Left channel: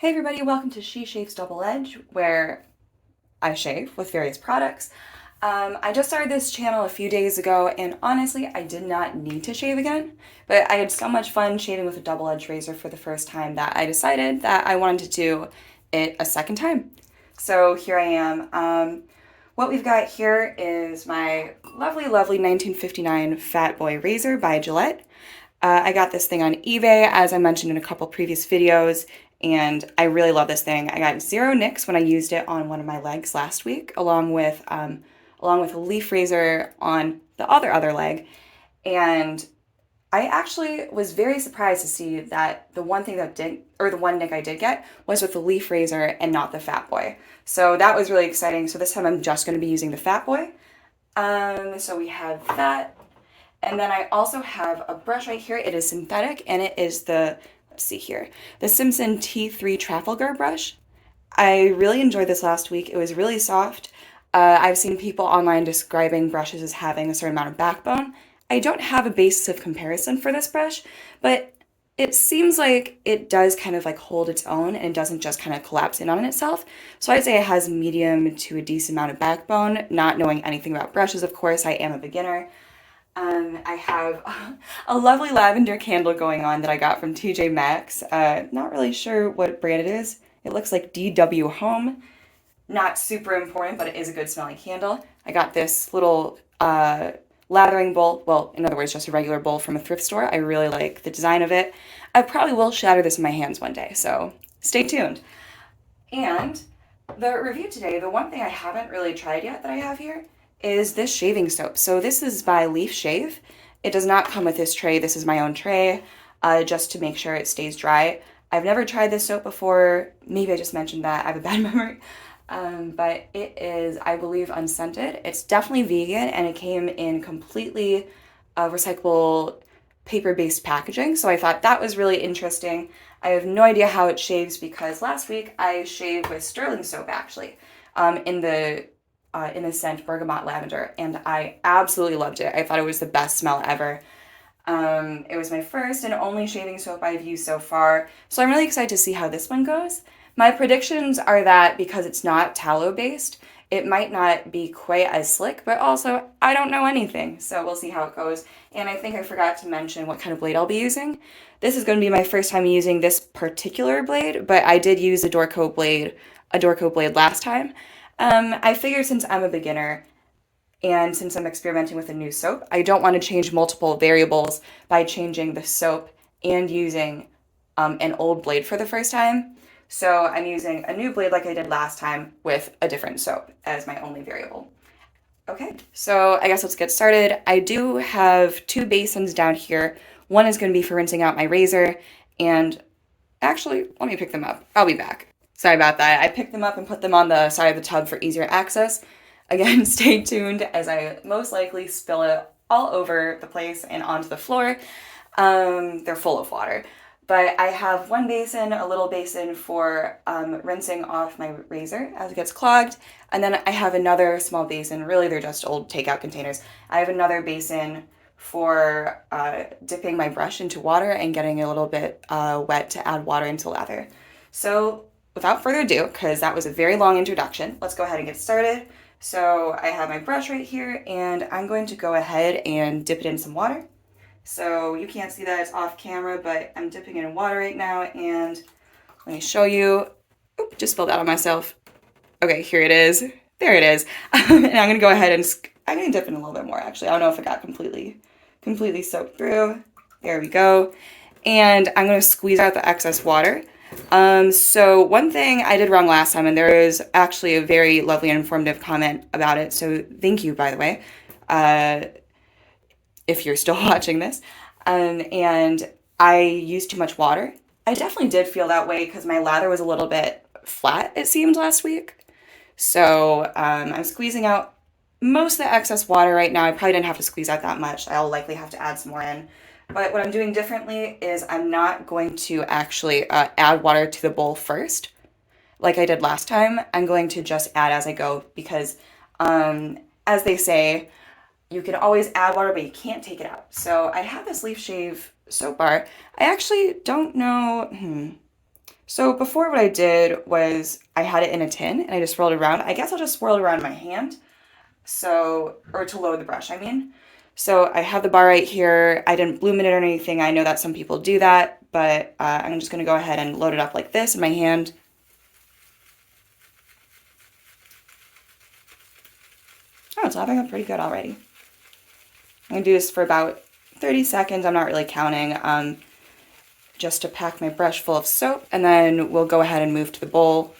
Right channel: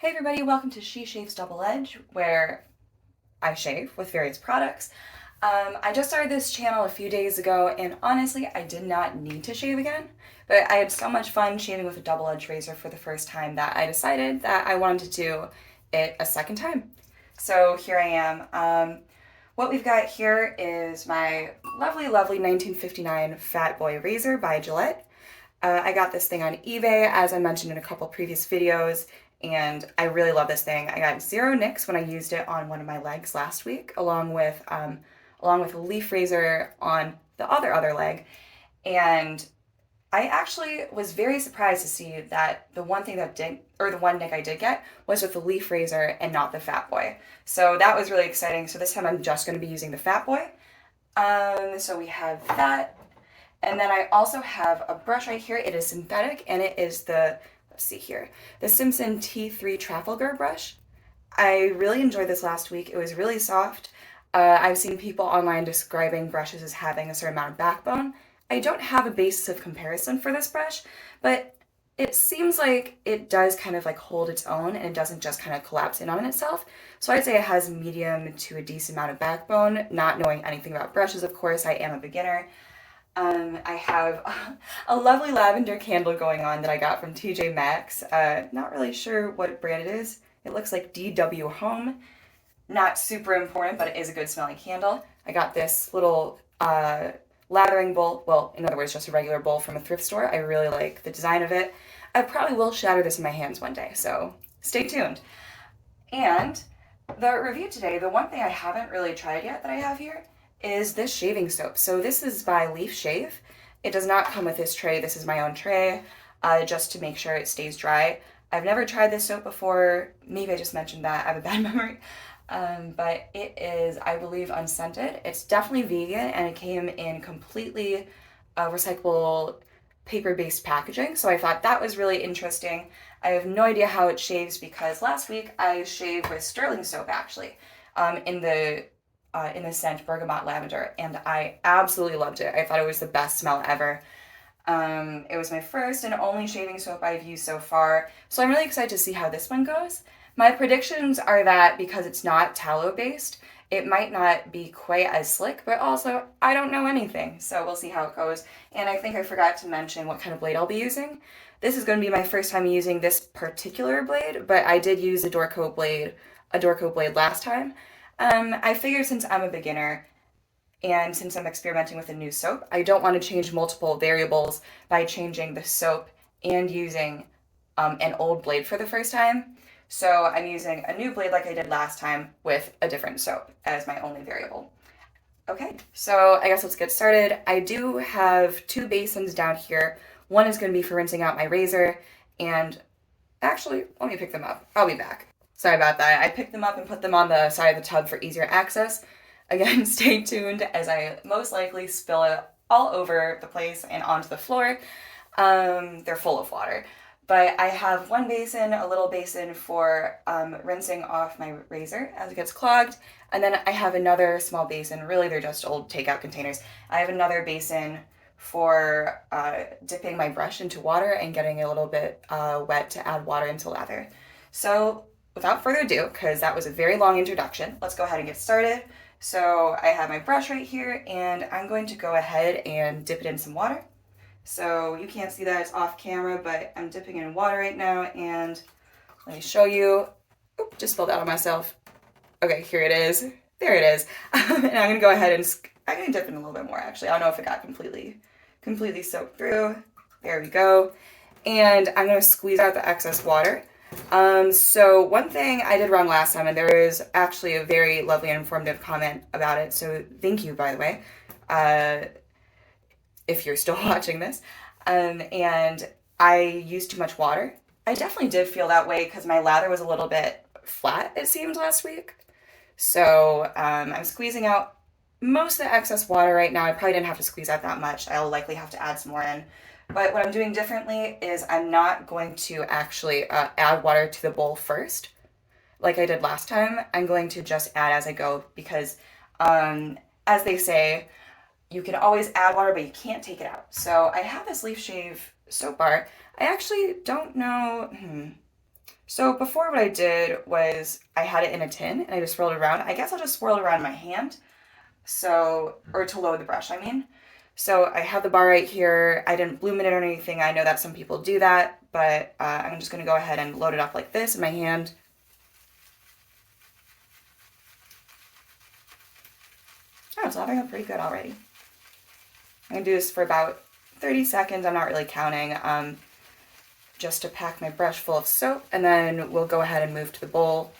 Hey everybody, welcome to She Shaves Double Edge, where I shave with various products. I just started this channel a few days ago, and honestly, I did not need to shave again, but I had so much fun shaving with a double edge razor for the first time that I decided that I wanted to do it a second time. So here I am. What we've got here is my lovely 1959 Fatboy razor by Gillette. I got this thing on eBay, as I mentioned in a couple previous videos, and I really love this thing. I got zero nicks when I used it on one of my legs last week, along with a leaf razor on the other leg, and I actually was very surprised to see that the one nick I did get was with the leaf razor and not the Fatboy. So that was really exciting. So this time I'm just going to be using the Fatboy. So we have that. And then I also have a brush right here. It is synthetic and it is let's see here, the Simpson T3 Trafalgar brush. I really enjoyed this last week. It was really soft. I've seen people online describing brushes as having a certain amount of backbone. I don't have a basis of comparison for this brush, but it seems like it does kind of like hold its own and it doesn't just kind of collapse in on itself. So I'd say it has medium to a decent amount of backbone. Not knowing anything about brushes, of course, I am a beginner. I have a lovely lavender candle going on that I got from TJ Maxx. Not really sure what brand it is. It looks like DW Home. Not super important, but it is a good smelling candle. I got this little lathering bowl. Well, in other words, just a regular bowl from a thrift store. I really like the design of it. I probably will shatter this in my hands one day, so stay tuned. And the review today, the one thing I haven't really tried yet that I have here is this shaving soap. So this is by Leaf Shave. It does not come with this tray. This is my own tray, just to make sure it stays dry. I've never tried this soap before. Maybe I just mentioned that. I have a bad memory. But it is, I believe, unscented. It's definitely vegan, and it came in completely recyclable paper-based packaging. So I thought that was really interesting. I have no idea how it shaves because last week I shaved with sterling soap actually, in the scent bergamot lavender, and I absolutely loved it. I thought it was the best smell ever. It was my first and only shaving soap I've used so far, so I'm really excited to see how this one goes. My predictions are that because it's not tallow based, it might not be quite as slick, but also I don't know anything, so we'll see how it goes. And I think I forgot to mention what kind of blade I'll be using. This is going to be my first time using this particular blade, but I did use a Dorco blade last time. I figured since I'm a beginner and since I'm experimenting with a new soap, I don't want to change multiple variables by changing the soap and using an old blade for the first time. So I'm using a new blade like I did last time with a different soap as my only variable. Okay, so I guess let's get started. I do have two basins down here. One is going to be for rinsing out my razor, and actually, let me pick them up. I'll be back. Sorry about that. I picked them up and put them on the side of the tub for easier access. Again, stay tuned as I most likely spill it all over the place and onto the floor. They're full of water. But I have one basin, a little basin for rinsing off my razor as it gets clogged. And then I have another small basin. Really, they're just old takeout containers. I have another basin for dipping my brush into water and getting a little bit wet to add water into lather. So without further ado, because that was a very long introduction, let's go ahead and get started. So I have my brush right here, and I'm going to go ahead and dip it in some water. So you can't see that it's off camera, but I'm dipping it in water right now, and let me show you. Oop, just spilled out on myself. Okay, here it is. There it is. And I'm going to go ahead and I'm going to dip in a little bit more, actually. I don't know if it got completely soaked through. There we go. And I'm going to squeeze out the excess water. So one thing I did wrong last time, and there is actually a very lovely and informative comment about it, so thank you, by the way, if you're still watching this, and I used too much water. I definitely did feel that way because my lather was a little bit flat, it seemed, last week. So I'm squeezing out most of the excess water right now. I probably didn't have to squeeze out that much. I'll likely have to add some more in. But what I'm doing differently is I'm not going to actually add water to the bowl first, like I did last time. I'm going to just add as I go because, as they say, you can always add water, but you can't take it out. So I have this Leaf Shave soap bar. I actually don't know. So before what I did was I had it in a tin and I just swirled it around. I guess I'll just swirl it around in my hand. So, or to load the brush, I mean. So I have the bar right here. I didn't bloom it or anything. I know that some people do that, but I'm just gonna go ahead and load it up like this in my hand. Oh, it's lathering up pretty good already. I'm gonna do this for about 30 seconds. I'm not really counting, just to pack my brush full of soap, and then we'll go ahead and move to the bowl.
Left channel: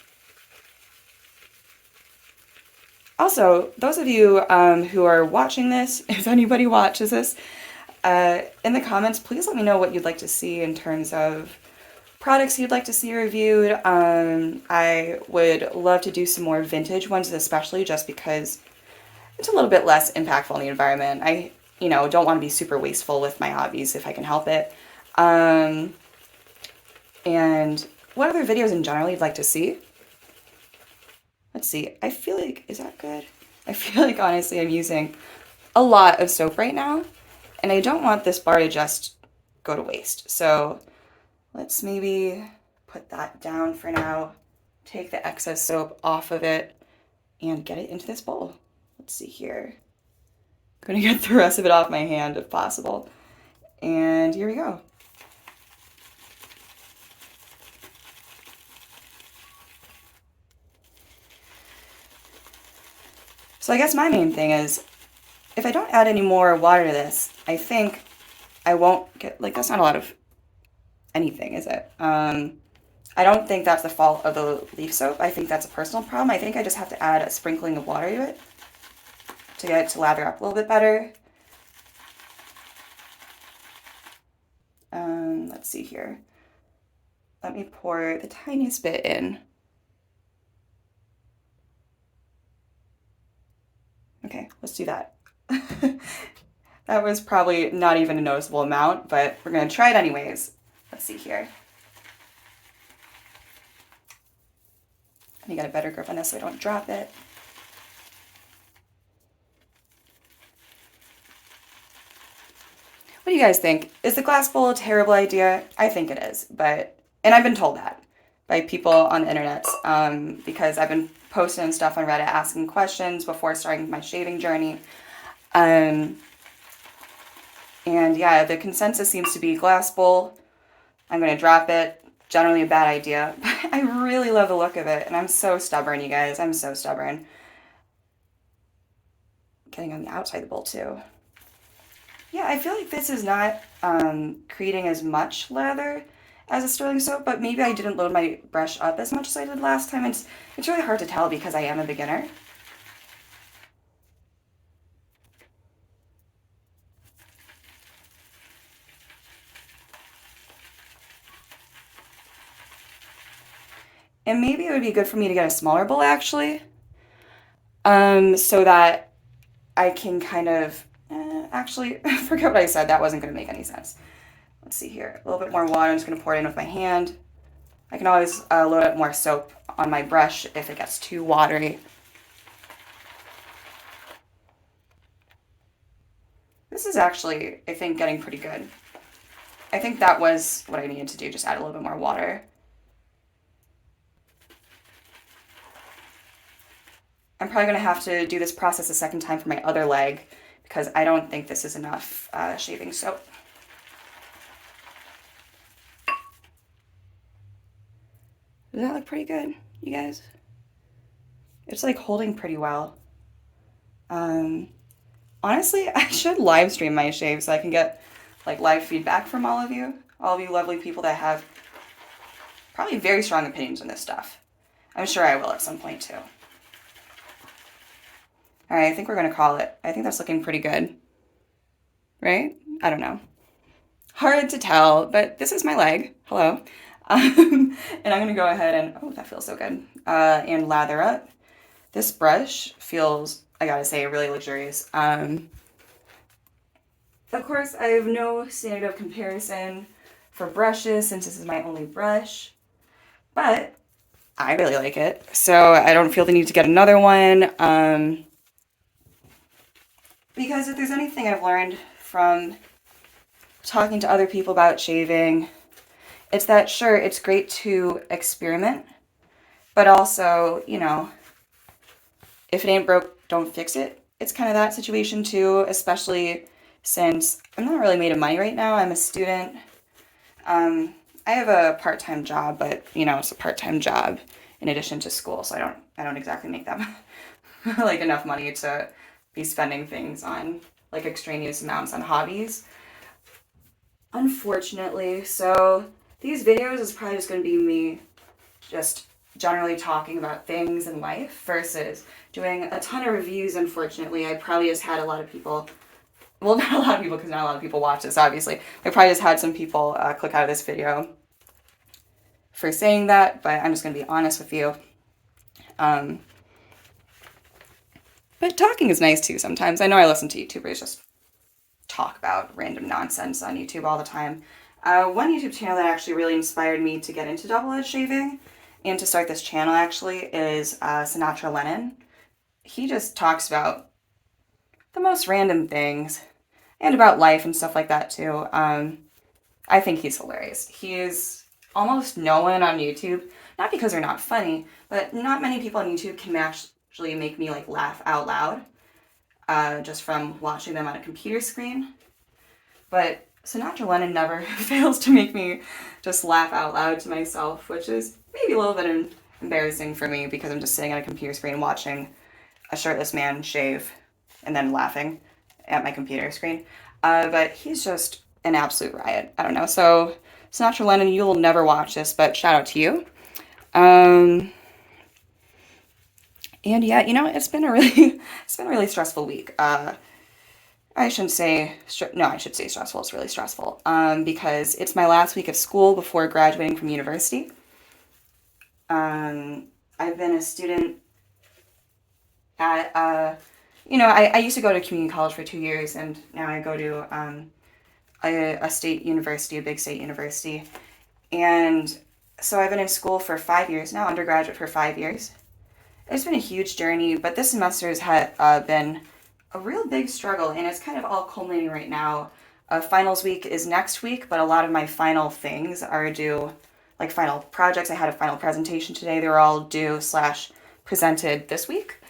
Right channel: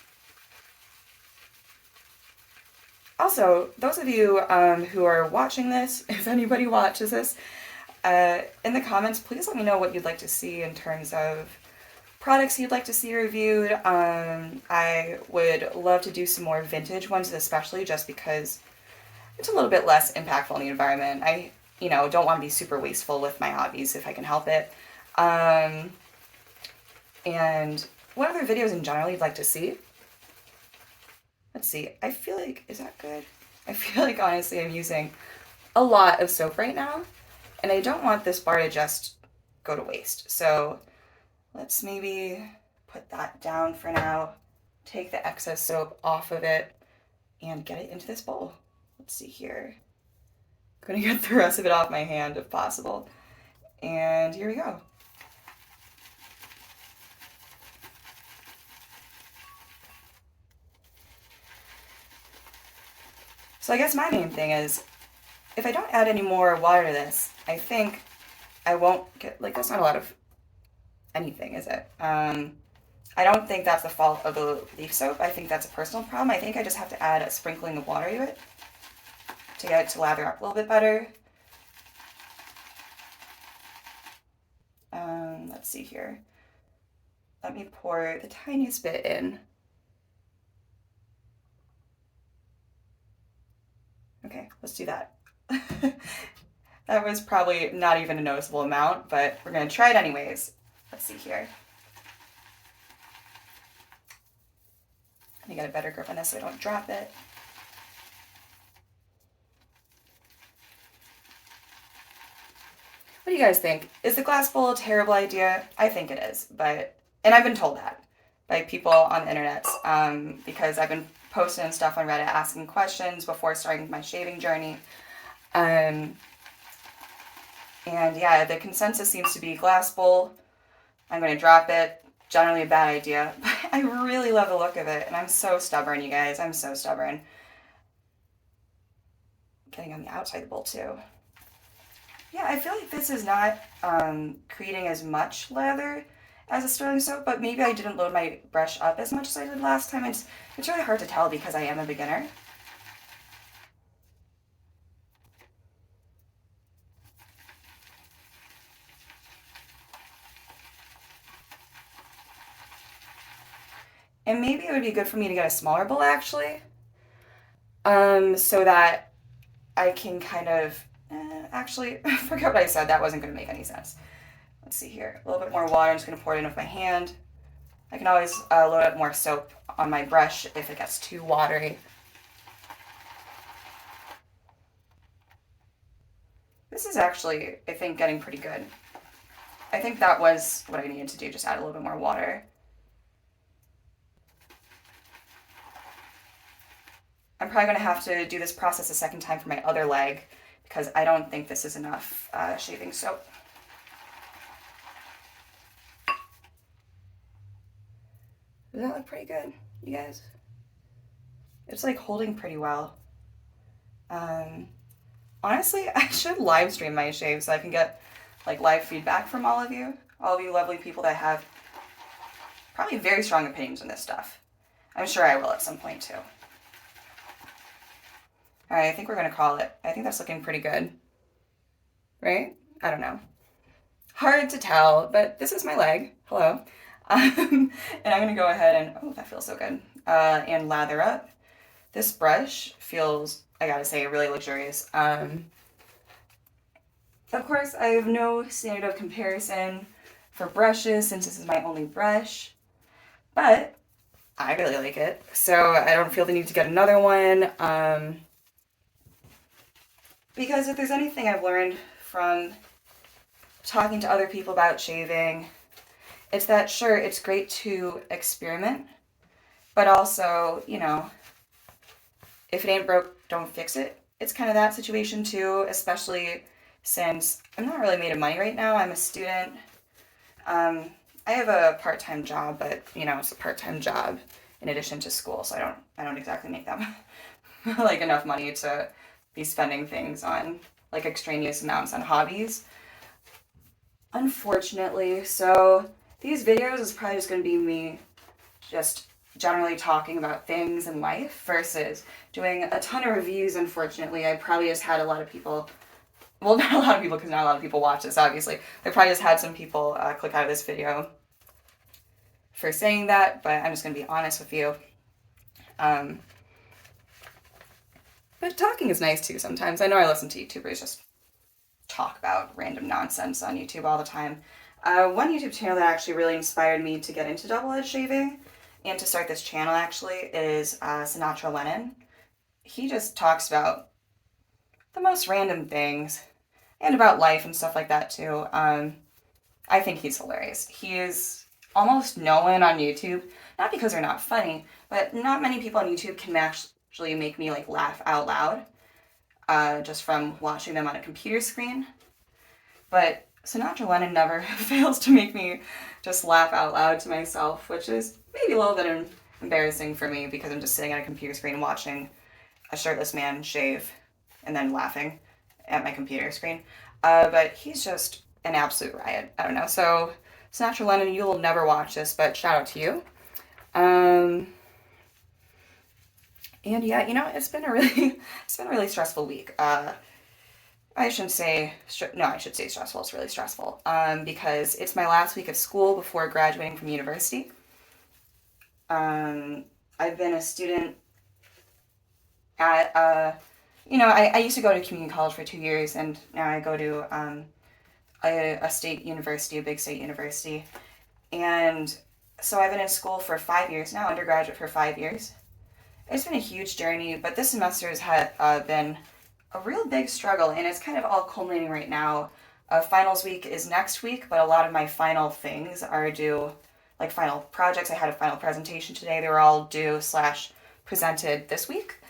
Also, those of you who are watching this, if anybody watches this, in the comments, please let me know what you'd like to see in terms of products you'd like to see reviewed. I would love to do some more vintage ones, especially just because it's a little bit less impactful on the environment. I, don't want to be super wasteful with my hobbies if I can help it. And what other videos in general you'd like to see? Let's see. I feel like, is that good? I feel like honestly I'm using a lot of soap right now, and I don't want this bar to just go to waste. So let's maybe put that down for now, take the excess soap off of it, and get it into this bowl. Let's see here. I'm gonna get the rest of it off my hand if possible. And here we go. So I guess my main thing is, if I don't add any more water to this, I think I won't get, like, that's not a lot of anything, is it? I don't think that's the fault of the leaf soap. I think that's a personal problem. I think I just have to add a sprinkling of water to it to get it to lather up a little bit better. Let's see here. Let me pour the tiniest bit in. Okay, let's do that. That was probably not even a noticeable amount, but we're gonna try it anyways. Let's see here. Let me get a better grip on this so I don't drop it. What do you guys think? Is the glass bowl a terrible idea? I think it is, and I've been told that by people on the internet, because I've been posting stuff on Reddit asking questions before starting my shaving journey. And yeah, the consensus seems to be glass bowl. I'm gonna drop it. Generally a bad idea, but I really love the look of it, and I'm so stubborn, you guys. I'm so stubborn. Getting on the outside of the bowl too. Yeah, I feel like this is not creating as much lather as a sterling soap, but maybe I didn't load my brush up as much as I did last time. It's really hard to tell because I am a beginner. And maybe it would be good for me to get a smaller bowl actually, so that I can kind of, actually, I forgot what I said. That wasn't going to make any sense. Let's see here. A little bit more water. I'm just going to pour it in with my hand. I can always load up more soap on my brush if it gets too watery. This is actually, I think, getting pretty good. I think that was what I needed to do, just add a little bit more water. I'm probably going to have to do this process a second time for my other leg because I don't think this is enough shaving soap. Does that look pretty good, you guys? It's like holding pretty well. Honestly, I should live stream my shave so I can get like live feedback from all of you lovely people that have probably very strong opinions on this stuff. I'm sure I will at some point too. All right, I think we're gonna call it. I think that's looking pretty good, right? I don't know. Hard to tell, but this is my leg. Hello. And I'm gonna go ahead and, oh, that feels so good, and lather up. This brush feels, I gotta say, really luxurious. Of course, I have no standard of comparison for brushes since this is my only brush, but I really like it. So I don't feel the need to get another one, because if there's anything I've learned from talking to other people about shaving, It's that, sure, it's great to experiment, but also, you know, if it ain't broke, don't fix it. It's kind of that situation too, especially since I'm not really made of money right now. I'm a student. Um, I have a part-time job, but you know, it's a part-time job in addition to school, so I don't exactly make that like enough money to be spending things on like extraneous amounts on hobbies, unfortunately. So these videos is probably just going to be me just generally talking about things in life versus doing a ton of reviews. Unfortunately, I probably just had a lot of people, well, not a lot of people because not a lot of people watch this, obviously. I probably just had some people click out of this video for saying that, but I'm just going to be honest with you. Um, but talking is nice too sometimes. I know I listen to YouTubers just talk about random nonsense on YouTube all the time. One YouTube channel that actually really inspired me to get into double edge shaving and to start this channel actually is Sinatra Lennon. He just talks about the most random things and about life and stuff like that too. I think he's hilarious. He is almost no one on YouTube, not because they're not funny, but not many people on YouTube can actually make me like laugh out loud just from watching them on a computer screen. But Sinatra Lennon never fails to make me just laugh out loud to myself, which is maybe a little bit embarrassing for me because I'm just sitting at a computer screen watching a shirtless man shave and then laughing at my computer screen. But he's just an absolute riot. I don't know. So Sinatra Lennon, you will never watch this, but shout out to you. And yeah, you know, it's been a really stressful week. I shouldn't say, no, I should say stressful. It's really stressful because it's my last week of school before graduating from university. I've been a student at, I used to go to community college for 2 years, and now I go to a state university, a big state university. And so I've been in school for 5 years now, undergraduate for 5 years. It's been a huge journey, but this semester has been a real big struggle, and it's kind of all culminating right now. Finals week is next week, but a lot of my final things are due, like final projects. I had a final presentation today. They were all due / presented this week.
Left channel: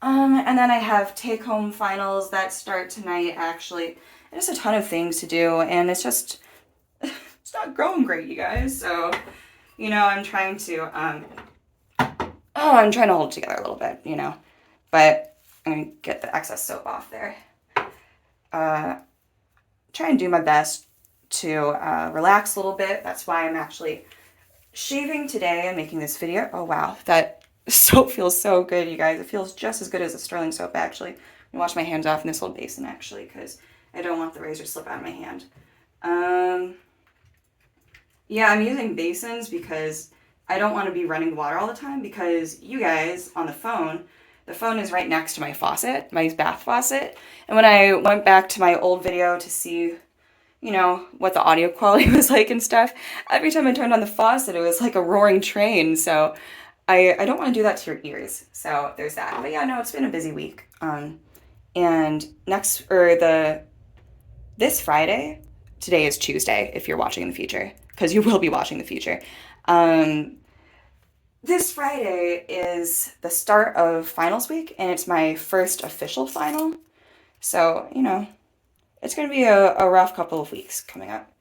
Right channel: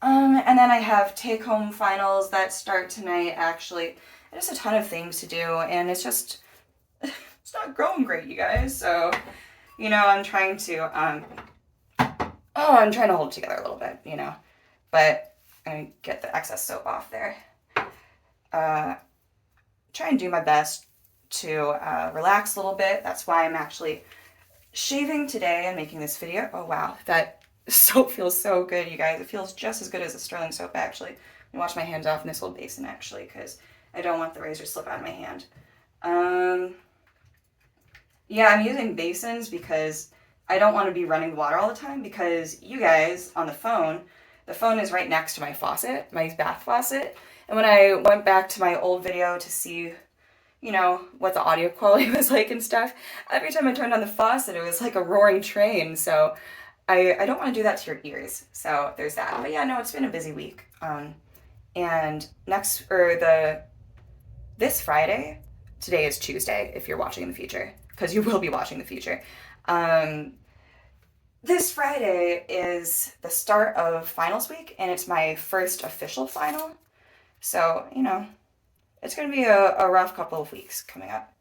And then I have take-home finals that start tonight, actually. There's a ton of things to do, and it's just, it's not going great, you guys. So, you know, I'm trying to hold it together a little bit, you know. But I'm going to get the excess soap off there. Try and do my best to relax a little bit. That's why I'm actually shaving today and making this video. Oh, wow. That soap feels so good, you guys. It feels just as good as the Sterling soap, actually. I'm going to wash my hands off in this old basin, actually, because I don't want the razor to slip out of my hand. Yeah, I'm using basins because I don't want to be running the water all the time because you guys on the phone is right next to my faucet, my bath faucet. And when I went back to my old video to see, you know, what the audio quality was like and stuff, every time I turned on the faucet, it was like a roaring train. So I don't want to do that to your ears. So there's that. But yeah, no, it's been a busy week. And this Friday, today is Tuesday if you're watching in the future, because you will be watching in the future. This Friday is the start of finals week, and it's my first official final. So, you know, it's going to be a rough couple of weeks coming up.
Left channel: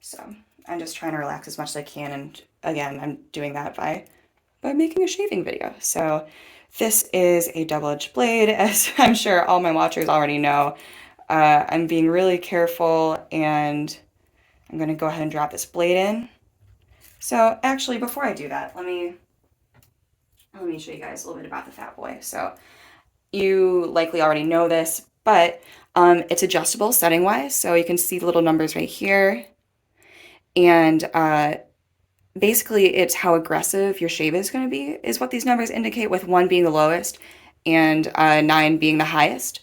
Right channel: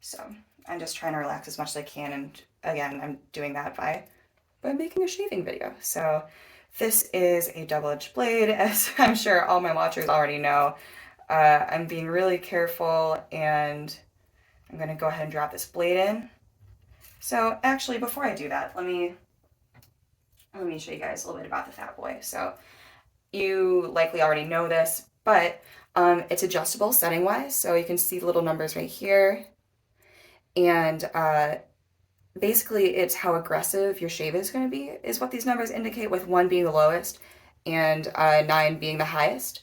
So I'm just trying to relax as much as I can, and again, I'm doing that by making a shaving video. So this is a double-edged blade, as I'm sure all my watchers already know. I'm being really careful, and I'm going to go ahead and drop this blade in. So actually, before I do that, let me show you guys a little bit about the Fatboy. So you likely already know this, but it's adjustable setting-wise. So you can see the little numbers right here. And basically, it's how aggressive your shave is going to be, is what these numbers indicate, with 1 being the lowest and 9 being the highest.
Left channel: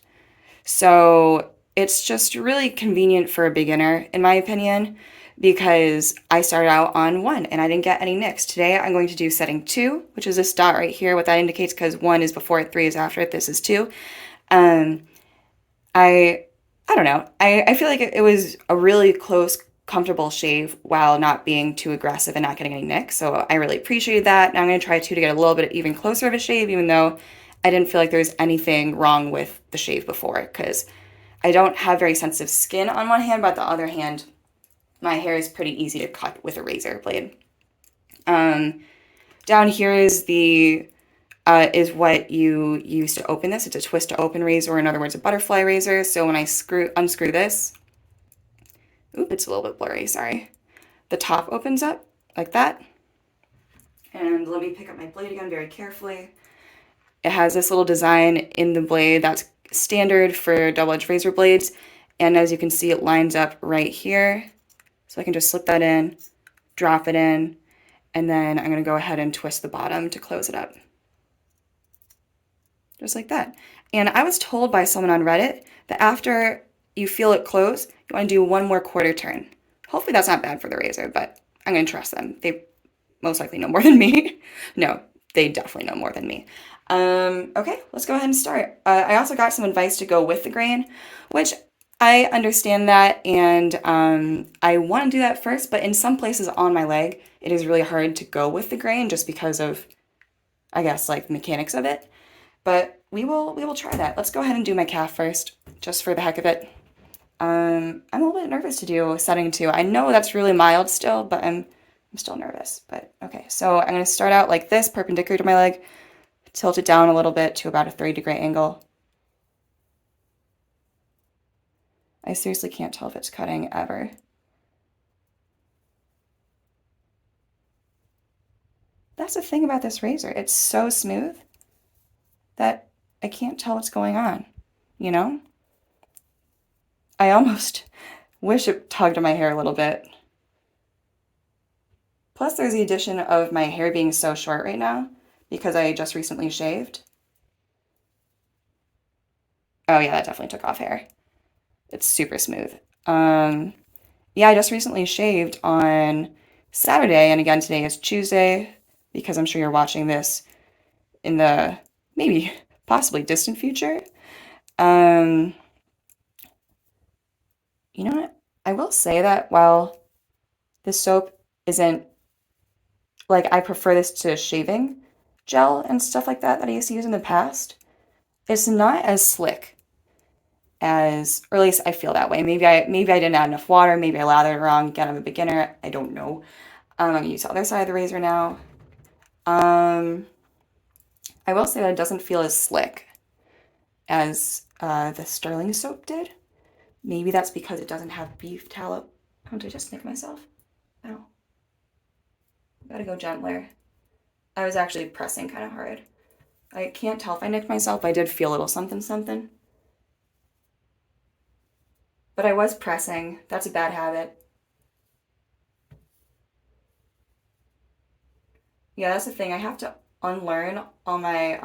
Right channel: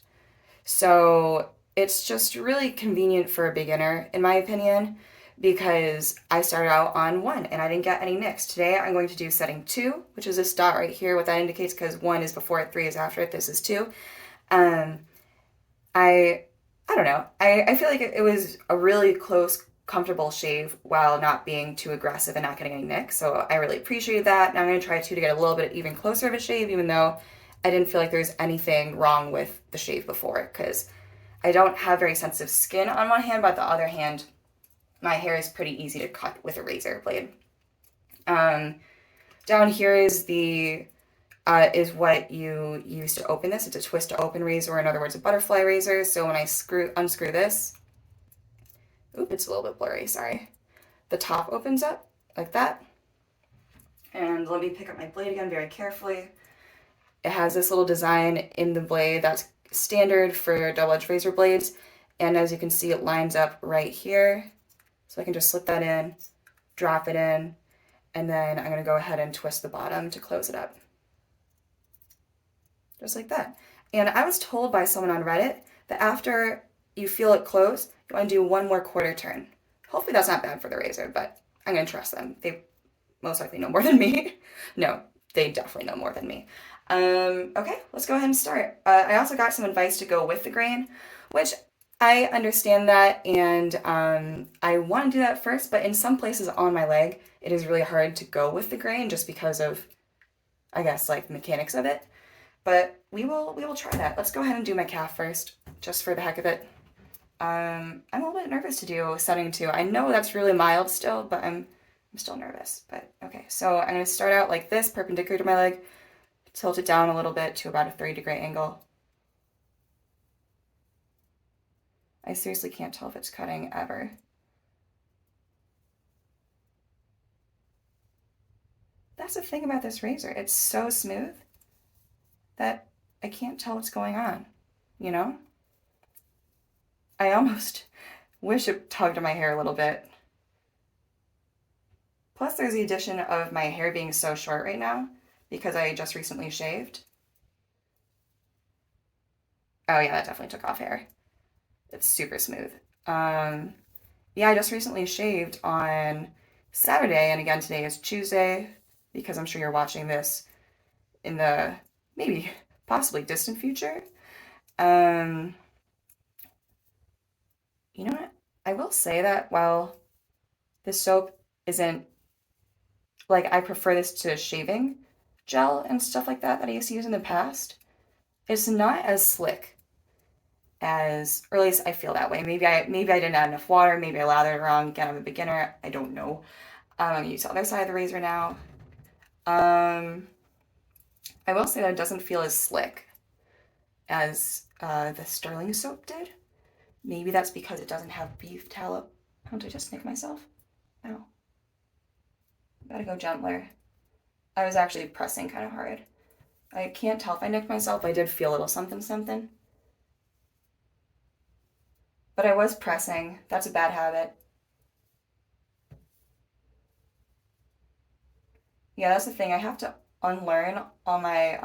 So it's just really convenient for a beginner, in my opinion, because I started out on 1 and I didn't get any nicks. Today I'm going to do setting 2, which is this dot right here. What that indicates, because 1 is before it, 3 is after it, this is 2. I don't know. I feel like it was a really close comfortable shave while not being too aggressive and not getting any nicks. So I really appreciated that. Now I'm going to try to get a little bit even closer of a shave, even though I didn't feel like there's anything wrong with the shave before, because I don't have very sensitive skin on one hand, but the other hand, my hair is pretty easy to cut with a razor blade. Down here is what you use to open this. It's a twist to open razor, or in other words, a butterfly razor. So when I unscrew this, oop, it's a little bit blurry, sorry. The top opens up like that. And let me pick up my blade again very carefully. It has this little design in the blade that's standard for double-edged razor blades. And as you can see, it lines up right here. So I can just slip that in, drop it in, and then I'm going to go ahead and twist the bottom to close it up. Just like that. And I was told by someone on Reddit that after you feel it close, you want to do one more quarter turn. Hopefully that's not bad for the razor, but I'm going to trust them. They most likely know more than me. No, they definitely know more than me. Okay, let's go ahead and start. I also got some advice to go with the grain, which I understand that, and I want to do that first, but in some places on my leg, it is really hard to go with the grain just because of, I guess, like the mechanics of it. But we will try that. Let's go ahead and do my calf first, just for the heck of it. I'm a little bit nervous to do setting 2. I know that's really mild still, but I'm still nervous. But okay, so I'm gonna start out like this, perpendicular to my leg, tilt it down a little bit to about a 30-degree angle. I seriously can't tell if it's cutting ever. That's the thing about this razor. It's so smooth that I can't tell what's going on, you know? I almost wish it tugged my hair a little bit. Plus, there's the addition of my hair being so short right now because I just recently shaved. Oh yeah, that definitely took off hair. It's super smooth. Yeah, I just recently shaved on Saturday, and again, today is Tuesday because I'm sure you're watching this in the maybe possibly distant future. You know what? I will say that while this soap isn't like I prefer this to shaving gel and stuff like that I used to use in the past, it's not as slick as, or at least I feel that way. Maybe I didn't add enough water, maybe I lathered it wrong. Again, I'm a beginner. I don't know. I'm gonna use the other side of the razor now. I will say that it doesn't feel as slick as the Sterling soap did. Maybe that's because it doesn't have beef tallow. Oh, did I just nick myself? No. Gotta go gentler. I was actually pressing kind of hard. I can't tell if I nicked myself. I did feel a little something something. But I was pressing. That's a bad habit. Yeah, that's the thing. I have to unlearn all my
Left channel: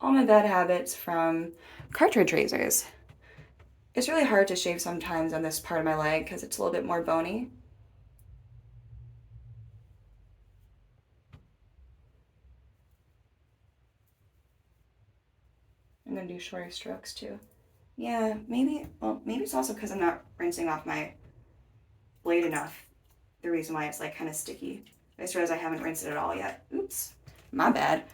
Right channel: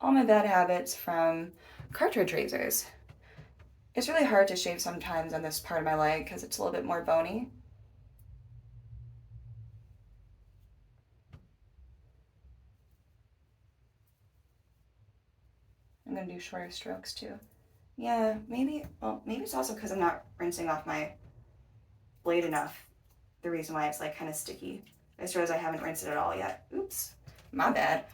bad habits from cartridge razors. It's really hard to shave sometimes on this part of my leg because it's a little bit more bony. I'm gonna do shorter strokes too. Yeah, maybe it's also because I'm not rinsing off my blade enough. The reason why it's like kind of sticky. I just realized I haven't rinsed it at all yet. Oops, my bad.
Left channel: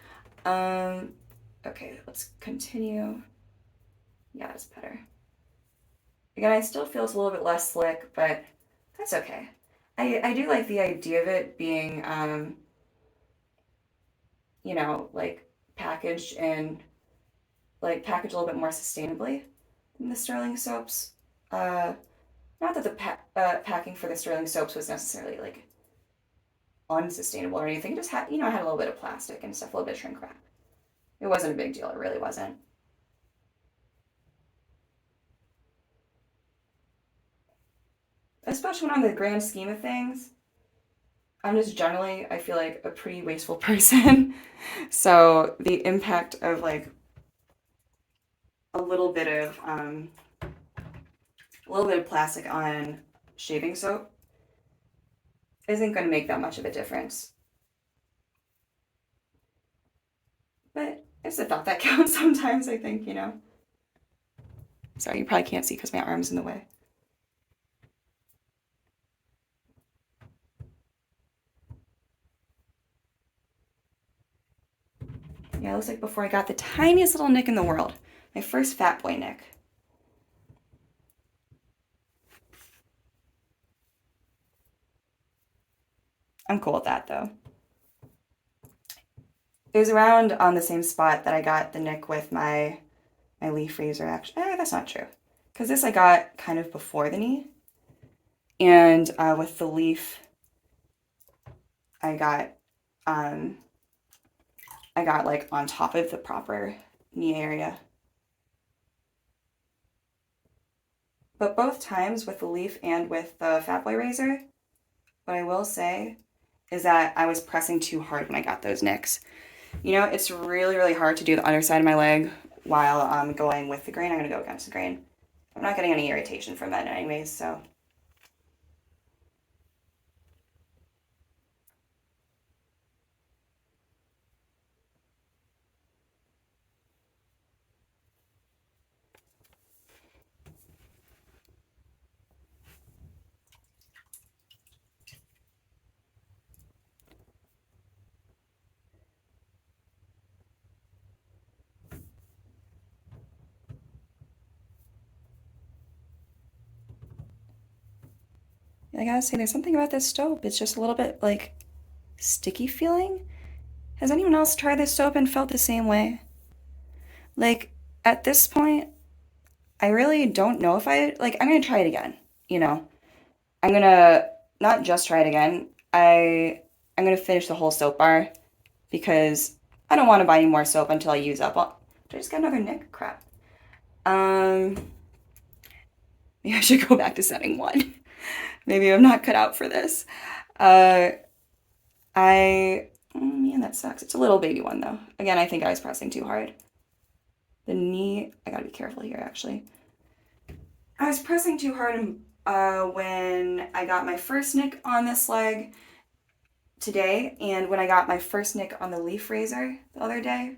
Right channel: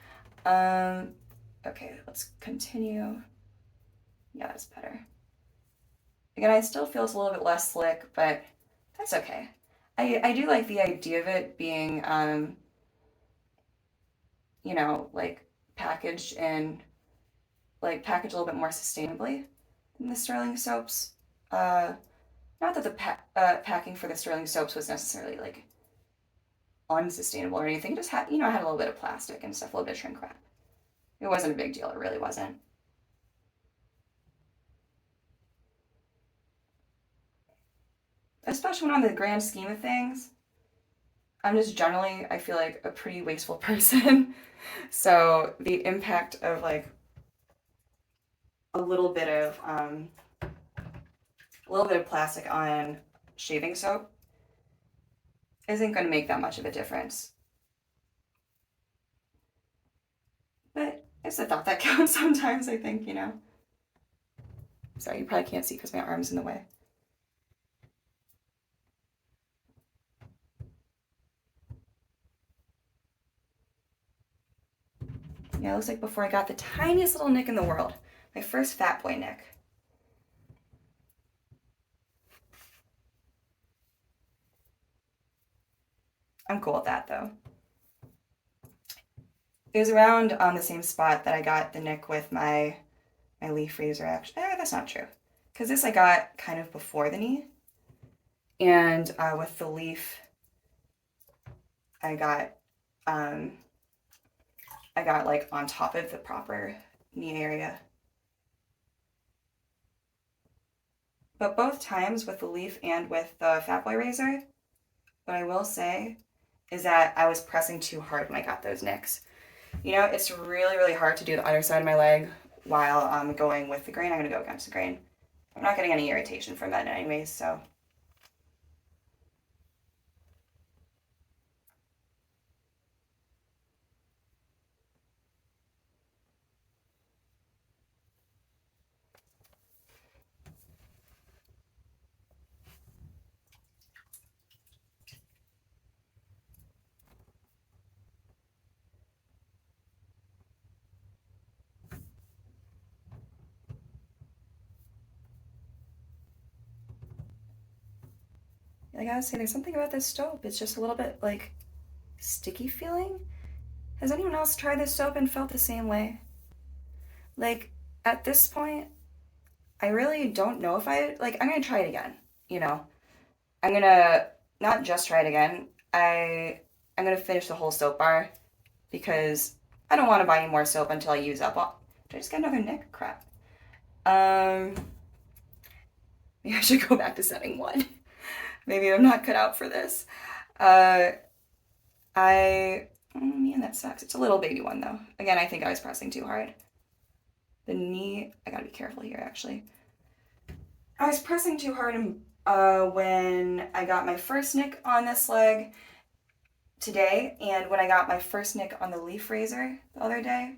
Okay, let's continue. Yeah, that's better. Again, I still feel it's a little bit less slick, but that's okay. I do like the idea of it being, like packaged and like packaged a little bit more sustainably than the Sterling soaps. Not that the packing for the Sterling soaps was necessarily like unsustainable or anything. It just had, I had a little bit of plastic and stuff, a little bit of shrink wrap. It wasn't a big deal. It really wasn't. Especially when on the grand scheme of things, I'm just generally, I feel like a pretty wasteful person. So the impact of like a little bit of plastic on shaving soap isn't going to make that much of a difference. But it's a thought that counts sometimes, I think. Sorry, you probably can't see because my arm's in the way. Yeah, it looks like before I got the tiniest little nick in the world. My first Fatboy nick. I'm cool with that though. It was around on the same spot that I got the nick with my leaf razor actually. That's not true. Because this I got kind of before the knee. And with the leaf, I got um, like on top of the proper knee area. But both times with the leaf and with the Fatboy razor, what I will say is that I was pressing too hard when I got those nicks. You know, it's really, really hard to do the underside of my leg while I'm going with the grain. I'm going to go against the grain. I'm not getting any irritation from that anyways, so. I gotta say, there's something about this soap. It's just a little bit like sticky feeling. Has anyone else tried this soap and felt the same way? Like, at this point, I really don't know if I'm gonna try it again. You know, I'm gonna not just try it again. I'm gonna finish the whole soap bar because I don't want to buy any more soap until I use up all. Did I just get another nick? Crap. Um, Maybe I should go back to setting one. Maybe I'm not cut out for this. Uh, man, that sucks. It's a little baby one though. Again, I think I was pressing too hard. The knee, I gotta be careful here actually. I was pressing too hard when I got my first nick on this leg today, and when I got my first nick on the leaf razor the other day.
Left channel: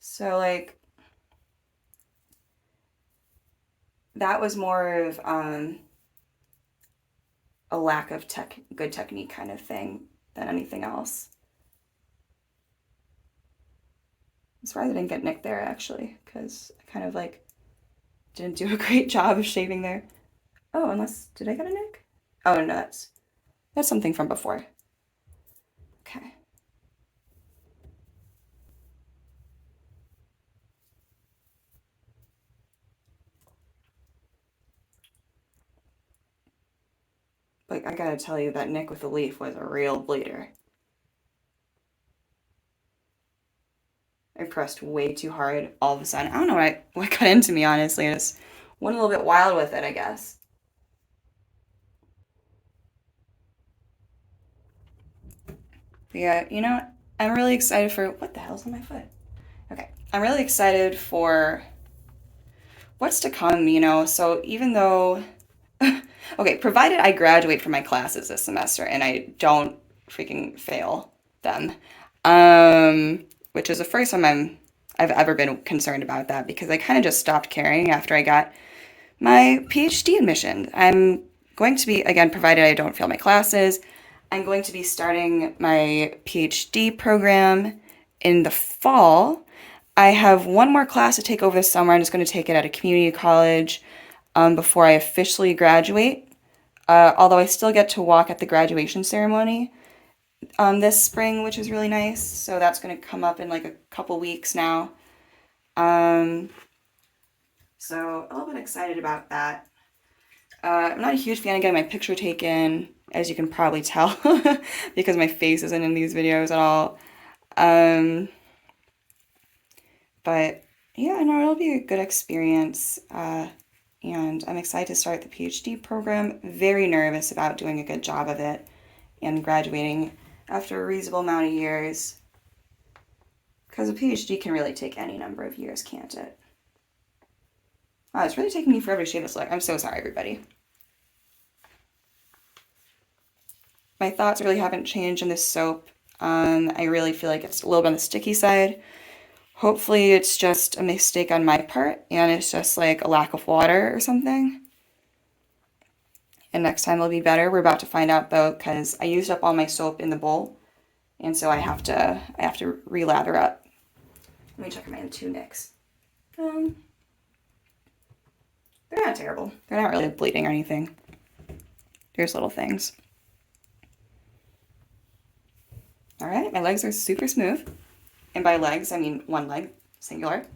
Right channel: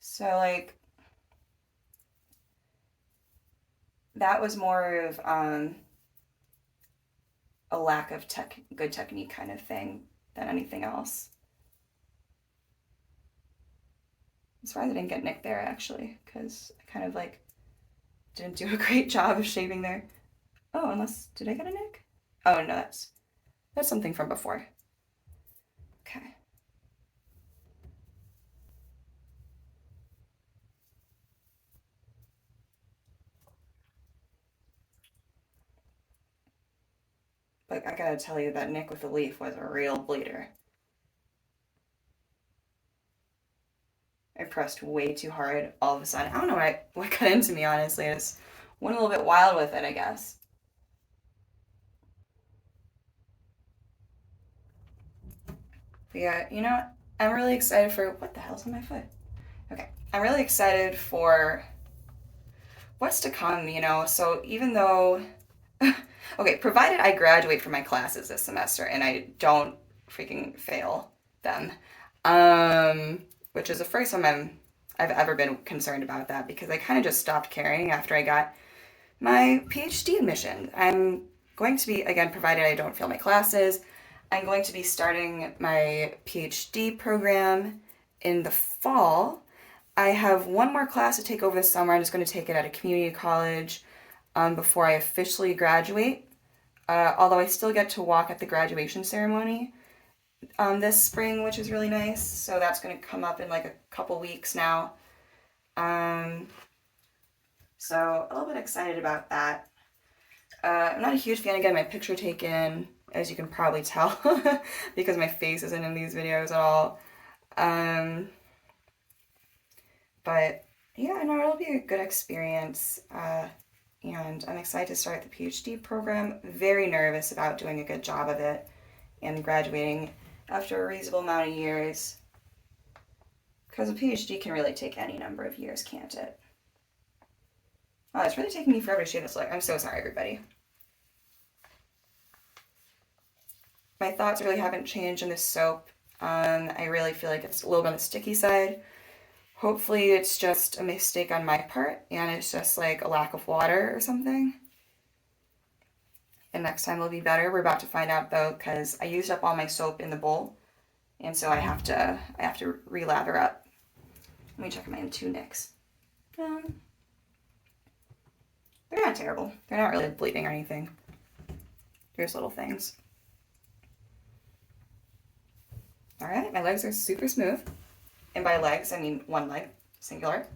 So, like, that was more of a lack of good technique kind of thing than anything else. I'm surprised I didn't get nicked there actually, because I kind of like didn't do a great job of shaving there. Oh, unless, did I get a nick? Oh, no, that's something from before. Okay. But I gotta tell you, that nick with the leaf was a real bleeder. I pressed way too hard all of a sudden. I don't know what got into me, honestly. I just went a little bit wild with it, I guess. But yeah, you know, I'm really excited for what the hell's on my foot? Okay. I'm really excited for what's to come, you know. So even though okay, provided I graduate from my classes this semester and I don't freaking fail them, which is the first time I've ever been concerned about that because I kind of just stopped caring after I got my PhD admission. I'm going to be, again, provided I don't fail my classes, I'm going to be starting my PhD program in the fall. I have one more class to take over this summer. I'm just going to take it at a community college before I officially graduate. Although I still get to walk at the graduation ceremony this spring, which is really nice. So that's going to come up in like a couple weeks now. Um, so a little bit excited about that. I'm not a huge fan of getting my picture taken, as you can probably tell, because my face isn't in these videos at all. Um, but yeah, no, it'll be a good experience. And I'm excited to start the PhD program. Very nervous about doing a good job of it and graduating after a reasonable amount of years. Because a PhD can really take any number of years, can't it? Oh, it's really taking me forever to shave this look. I'm so sorry, everybody. My thoughts really haven't changed in this soap. I really feel like it's a little bit on the sticky side. Hopefully it's just a mistake on my part and it's just like a lack of water or something. And next time it'll be better. We're about to find out though because I used up all my soap in the bowl and so I have to relather up. Let me check my two nicks. They're not terrible. They're not really bleeding or anything. Here's little things. All right, my legs are super smooth. And by legs, I mean one leg, singular.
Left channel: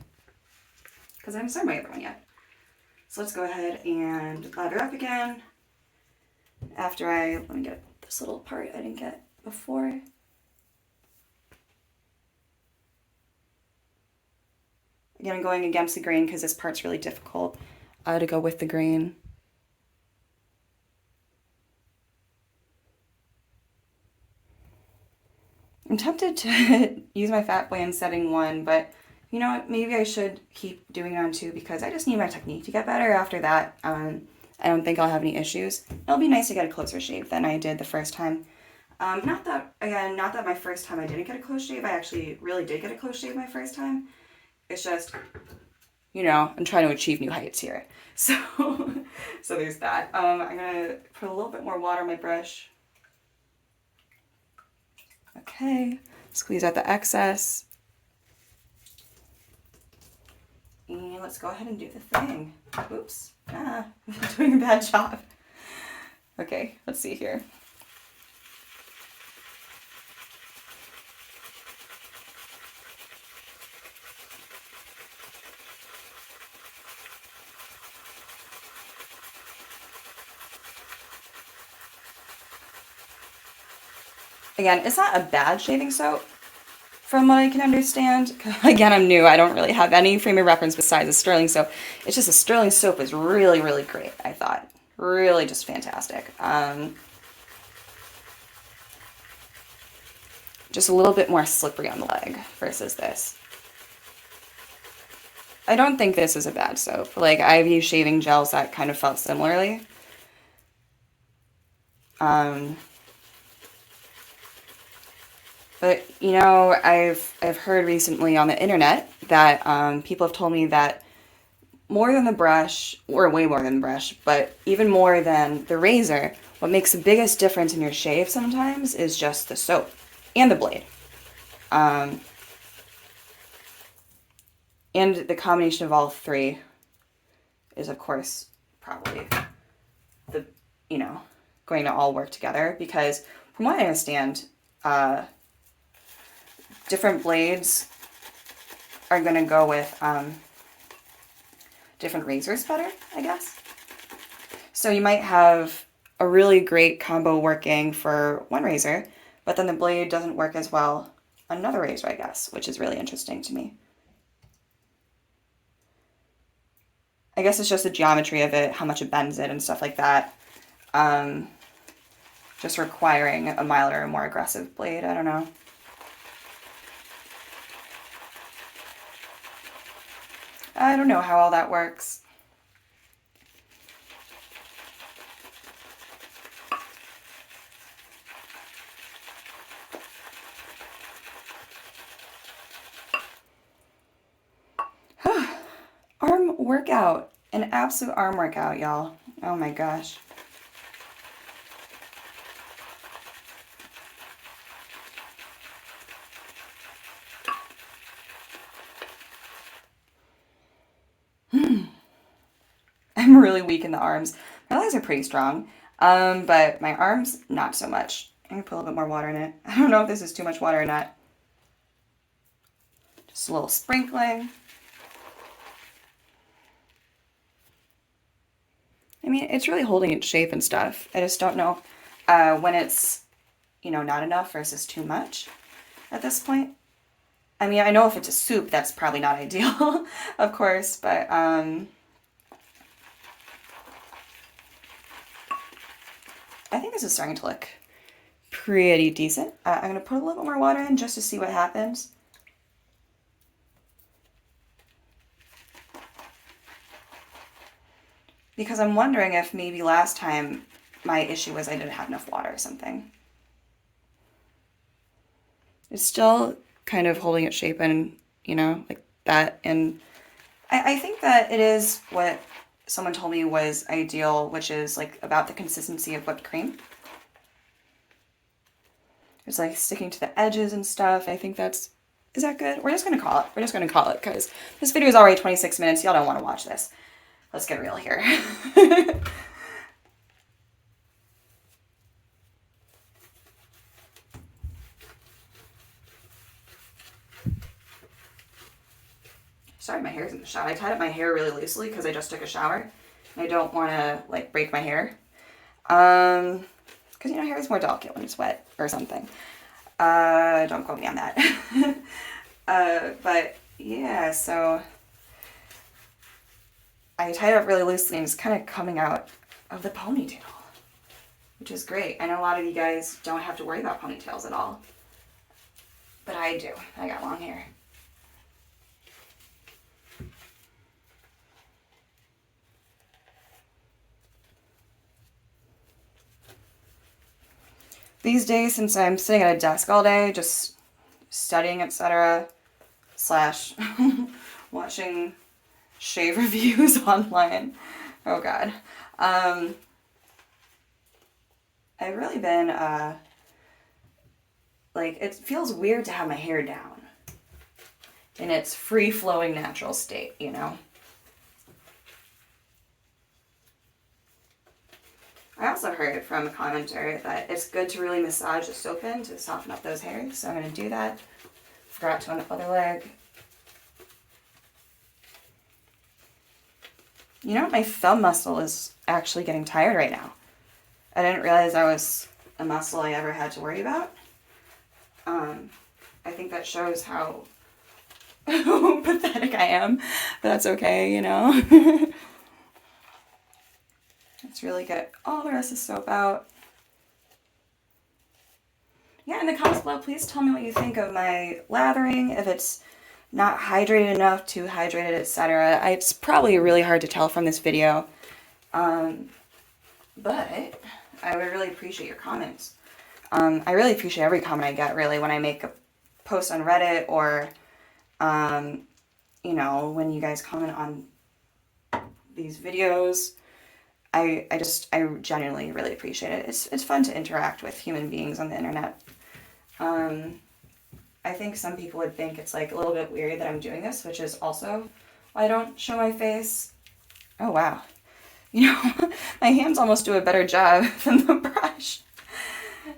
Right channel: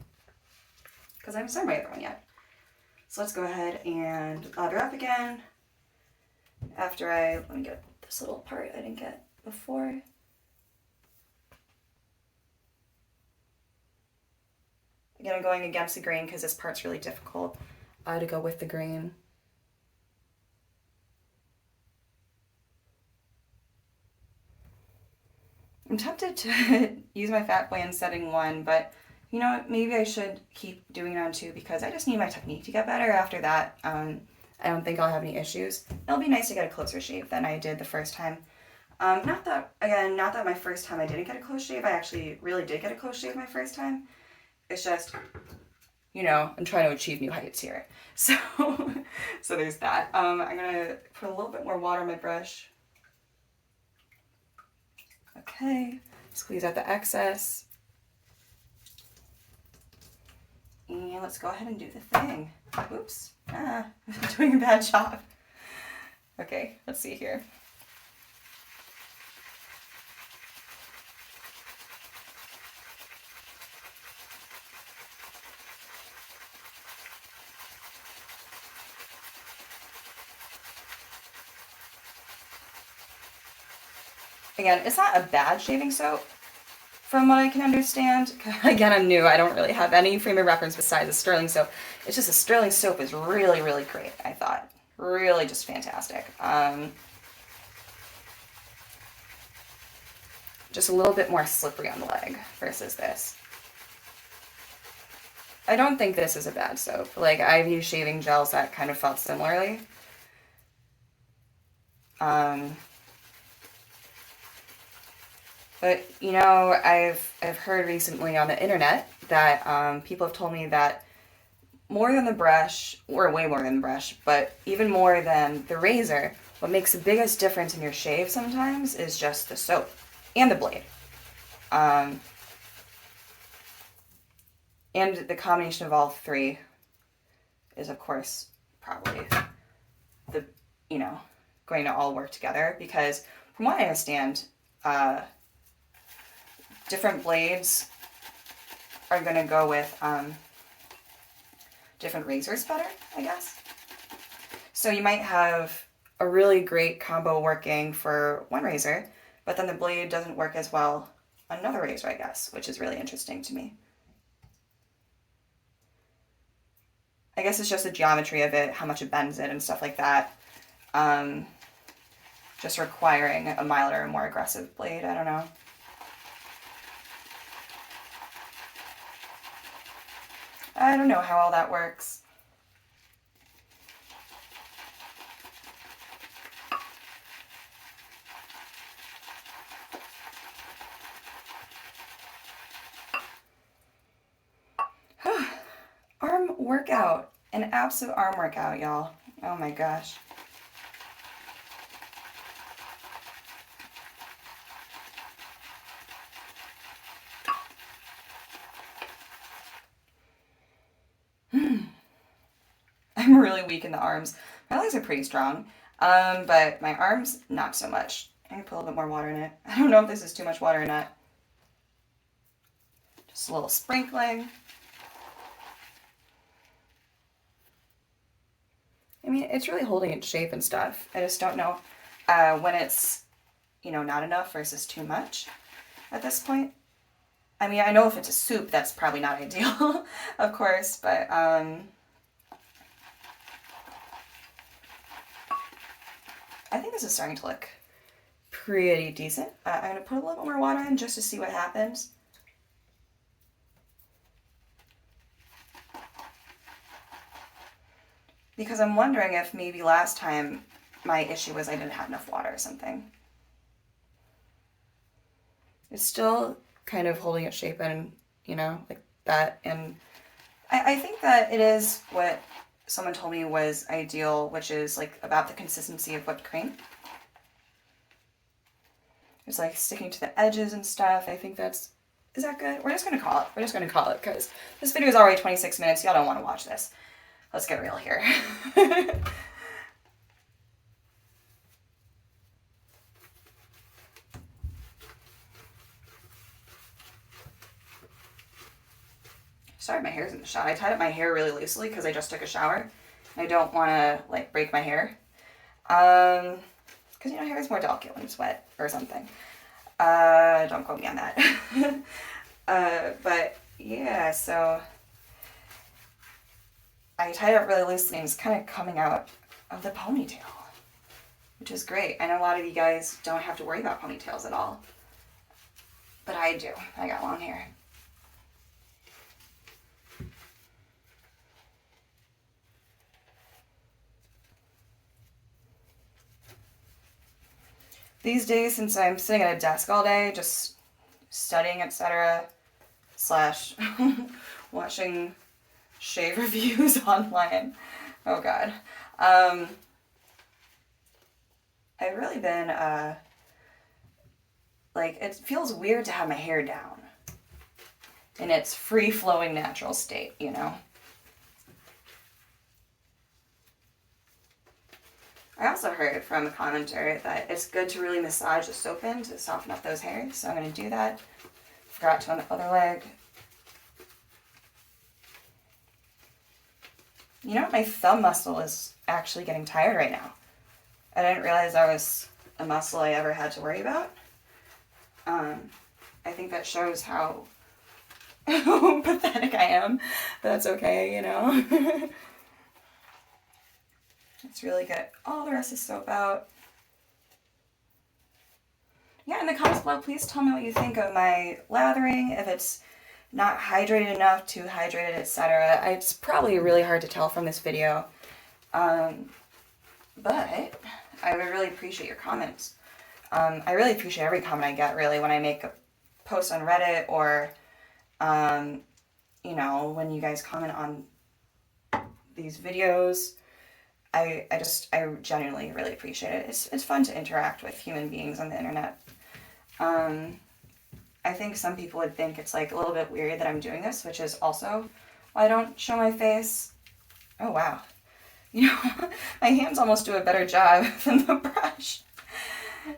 Because I haven't started my other one yet. So let's go ahead and lather up again. After let me get this little part I didn't get before. Again, I'm going against the grain because this part's really difficult to go with the grain. I'm tempted to use my Fatboy in setting 1, but you know what, maybe I should keep doing it on 2 because I just need my technique to get better. After that, I don't think I'll have any issues. It'll be nice to get a closer shave than I did the first time. Not that my first time I didn't get a close shave. I actually really did get a close shave my first time. It's just, you know, I'm trying to achieve new heights here. So, so there's that. I'm gonna put a little bit more water on my brush. Okay, squeeze out the excess. And let's go ahead and do the thing. Oops, I'm doing a bad job. Okay, let's see here. Again, it's not a bad shaving soap, from what I can understand. Again, I'm new. I don't really have any frame of reference besides a sterling soap. It's just a sterling soap is really, really great, I thought. Really just fantastic. Just a little bit more slippery on the leg versus this. I don't think this is a bad soap. Like, I've used shaving gels that kind of felt similarly. But, you know, I've heard recently on the internet that people have told me that more than the brush, or way more than the brush, but even more than the razor, what makes the biggest difference in your shave sometimes is just the soap and the blade. And the combination of all three is, of course, probably the, you know, going to all work together because from what I understand, different blades are going to go with different razors better, I guess. So you might have a really great combo working for one razor, but then the blade doesn't work as well on another razor, I guess, which is really interesting to me. I guess it's just the geometry of it, how much it bends it and stuff like that. Just requiring a milder and more aggressive blade, I don't know. I don't know how all that works. Arm workout. An absolute arm workout, y'all. Oh my gosh. I'm really weak in the arms. My legs are pretty strong, but my arms, not so much. I'm gonna put a little bit more water in it. I don't know if this is too much water or not. Just a little sprinkling. I mean, it's really holding its shape and stuff. I just don't know when it's, you know, not enough versus too much at this point. I mean, I know if it's a soup, that's probably not ideal, of course, but I think this is starting to look pretty decent. I'm going to put a little more water in just to see what happens. Because I'm wondering if maybe last time my issue was I didn't have enough water or something. It's still kind of holding its shape and, you know, like that. And I think that it is what someone told me was ideal, which is like about the consistency of whipped cream. It's like sticking to the edges and stuff. I think that's Is that good? We're just gonna call it. We're just gonna call it because this video is already 26 minutes. Y'all don't want to watch this. Let's get real here. Sorry, my hair's in the shot. I tied up my hair really loosely because I just took a shower. I don't want to like break my hair. Because you know, hair is more delicate when it's wet or something. Don't quote me on that. But yeah, so I tied it up really loosely and it's kind of coming out of the ponytail, which is great. I know a lot of you guys don't have to worry about ponytails at all, but I do. I got long hair. These days, since I'm sitting at a desk all day, just studying, etc., slash watching shave reviews online. Oh God. I've really been, like, it feels weird to have my hair down in its free-flowing natural state, you know? I also heard from a commenter that it's good to really massage the soap in to soften up those hairs, so I'm going to do that. Forgot to on the other leg. You know what? My thumb muscle is actually getting tired right now. I didn't realize that was a muscle I ever had to worry about. I think that shows how pathetic I am, but that's okay, you know? Let's really get all the rest of the soap out. Yeah, in the comments below, please tell me what you think of my lathering, if it's not hydrated enough, too hydrated, etc. It's probably really hard to tell from this video, but I would really appreciate your comments. I really appreciate every comment I get, really, when I make a post on Reddit or, you know, when you guys comment on these videos. I genuinely really appreciate it. It's fun to interact with human beings on the internet. I think some people would think it's like a little bit weird that I'm doing this, which is also why I don't show my face. Oh wow. You know, my hands almost do a better job than the brush.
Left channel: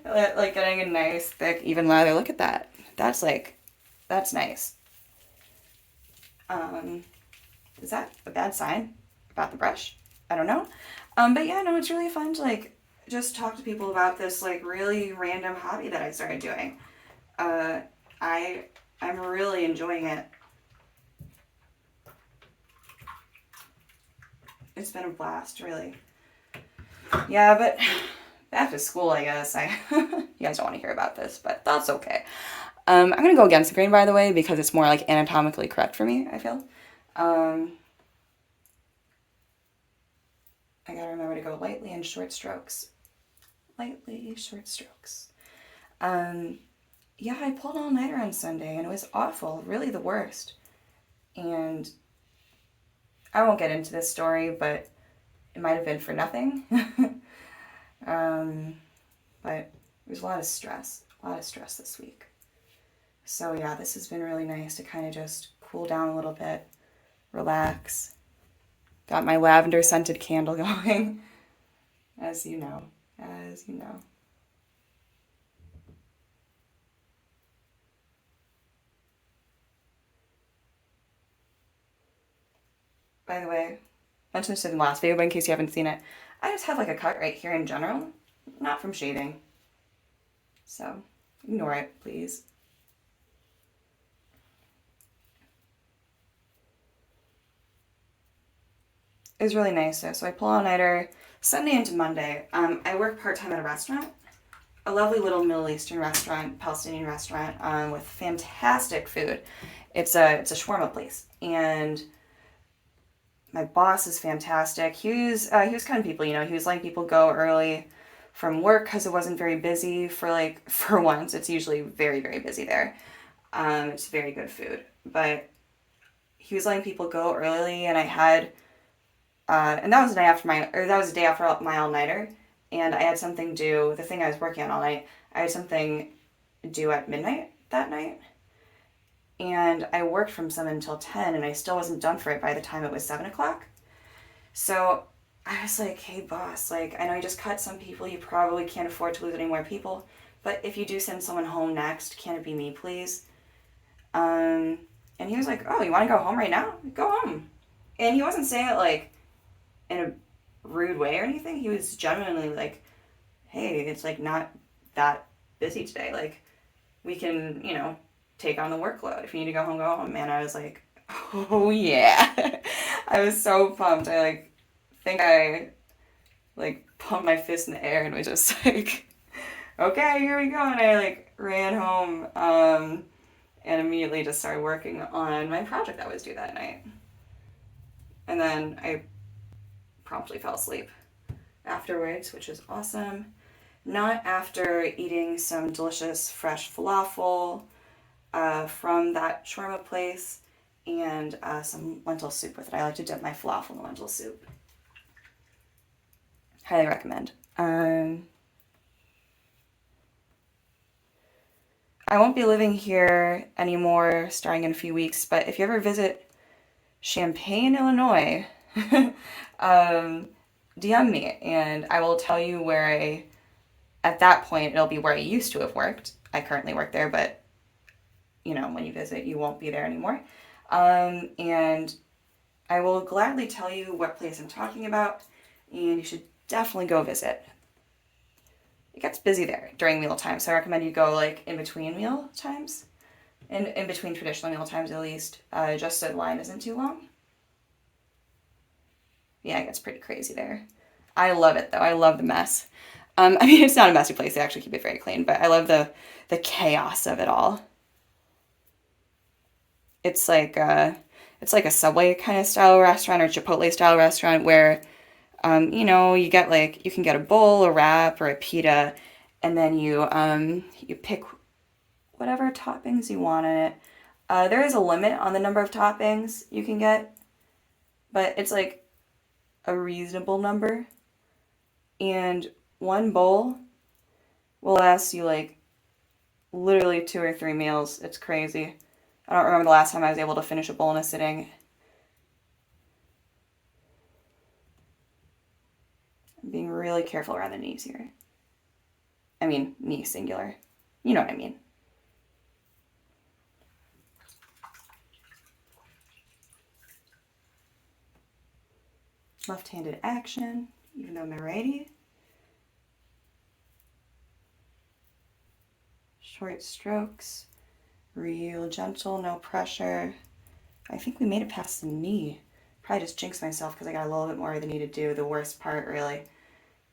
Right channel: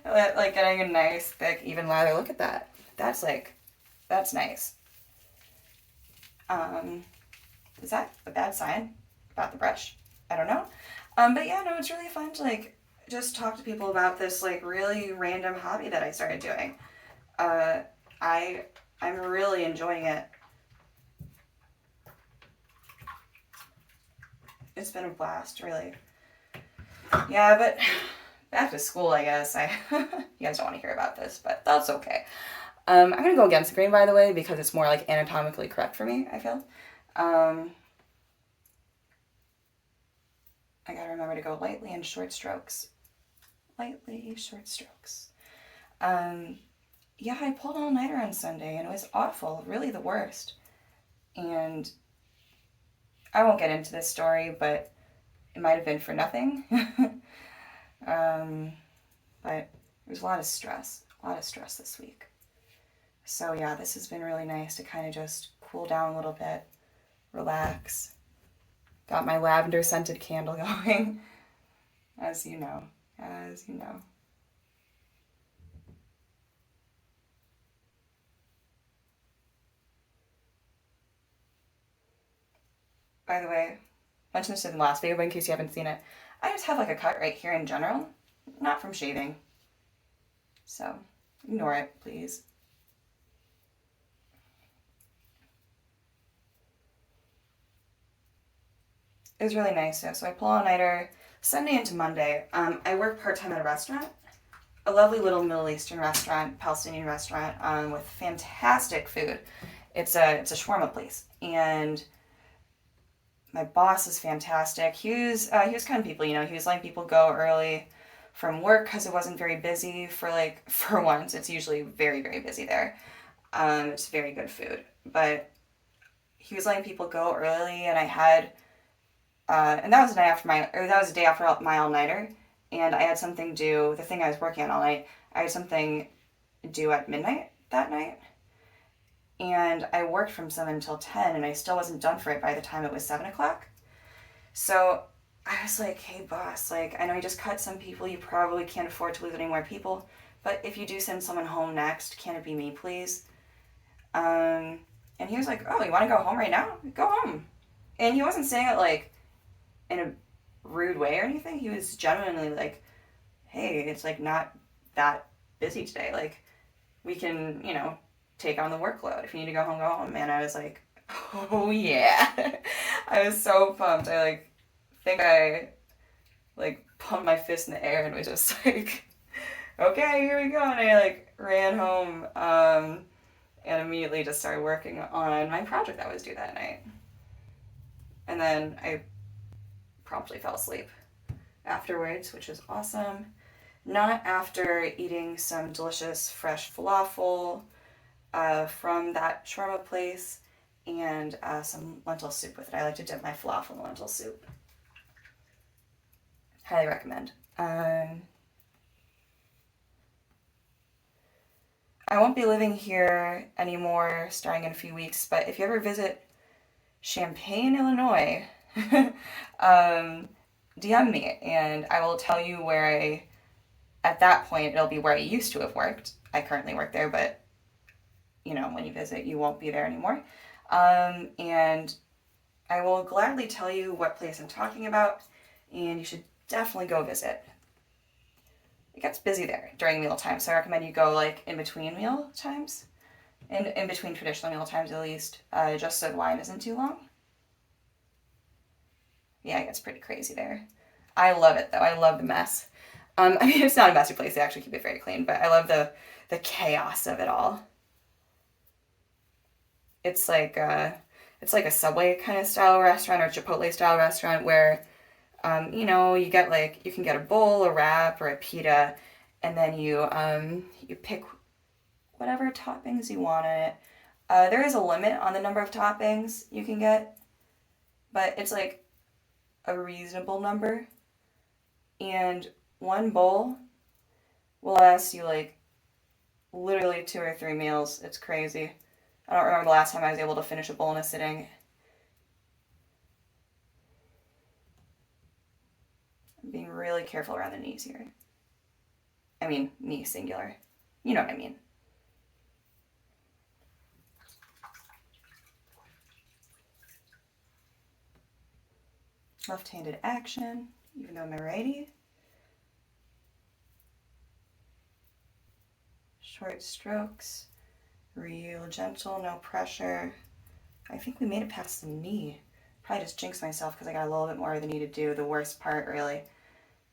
Like getting a nice, thick, even lather. Look at that. That's nice. Is that a bad sign about the brush? I don't know. But yeah, no, it's really fun to like just talk to people about this like really random hobby that I started doing. I'm really enjoying it. It's been a blast, really. Yeah, but back to school, I guess. You guys don't want to hear about this, but that's okay. I'm gonna go against the grain, by the way, because it's more like anatomically correct for me, I feel. I gotta remember to go lightly in short strokes. Lightly, short strokes. Yeah, I pulled all-nighter on Sunday, and it was awful. Really the worst. And I won't get into this story, but it might have been for nothing. But there's a lot of stress this week. So yeah, this has been really nice to kind of just cool down a little bit, relax. Got my lavender scented candle going, as you know. By the way, I mentioned this in the last video, but in case you haven't seen it, I just have like a cut right here in general, not from shaving. So ignore it, please. It was really nice though. So I pull all-nighter Sunday into Monday. I work part-time at a restaurant, a lovely little Middle Eastern restaurant, Palestinian restaurant, with fantastic food. It's a shawarma place, and my boss is fantastic. He was kind of people, you know. He was letting people go early from work because it wasn't very busy for once. It's usually very, very busy there. It's very good food, but he was letting people go early, and I had. And that was the day after my all-nighter, and I had something due, the thing I was working on all night, I had something due at midnight that night, and I worked from 7 until 10, and I still wasn't done for it by the time it was 7 o'clock. So I was like, hey, boss, like, I know you just cut some people. You probably can't afford to lose any more people. But if you do send someone home next, can it be me, please? And he was like, oh, you want to go home right now? Go home. And he wasn't saying it, like, in a rude way or anything. He was genuinely like, hey, it's, like, not that busy today. Like, we can, take on the workload. If you need to go home, go home. And I was like, oh, yeah. I was so pumped. I, think I, pumped my fist in the air and was just like, okay, here we go. And I, ran home and immediately just started working on my project that was due that night. And then I promptly fell asleep afterwards, which was awesome. Not after eating some delicious fresh falafel from that shawarma place and some lentil soup with it. I like to dip my falafel in the lentil soup. Highly recommend. I won't be living here anymore starting in a few weeks, but if you ever visit Champaign, Illinois, DM me and I will tell you at that point, it'll be where I used to have worked. I currently work there, but when you visit, you won't be there anymore. And I will gladly tell you what place I'm talking about, and you should definitely go visit. It gets busy there during meal time, so I recommend you go in between meal times, and in between traditional meal times at least, just so the line isn't too long. Yeah, it gets pretty crazy there. I love it though. I love the mess. It's not a messy place. They actually keep it very clean, but I love the chaos of it all. It's like a Subway kind of style restaurant or Chipotle style restaurant where, you get you can get a bowl, a wrap, or a pita, and then you pick whatever toppings you want in it. There is a limit on the number of toppings you can get, but it's a reasonable number. And one bowl will last you literally 2 or 3 meals. It's crazy. I don't remember the last time I was able to finish a bowl in a sitting. I'm being really careful around the knees here. I mean, knee singular. You know what I mean. Left-handed action, even though I'm a righty. Short strokes, real gentle, no pressure. I think we made it past the knee. Probably just jinxed myself because I got a little bit more of the knee to do, the worst part really.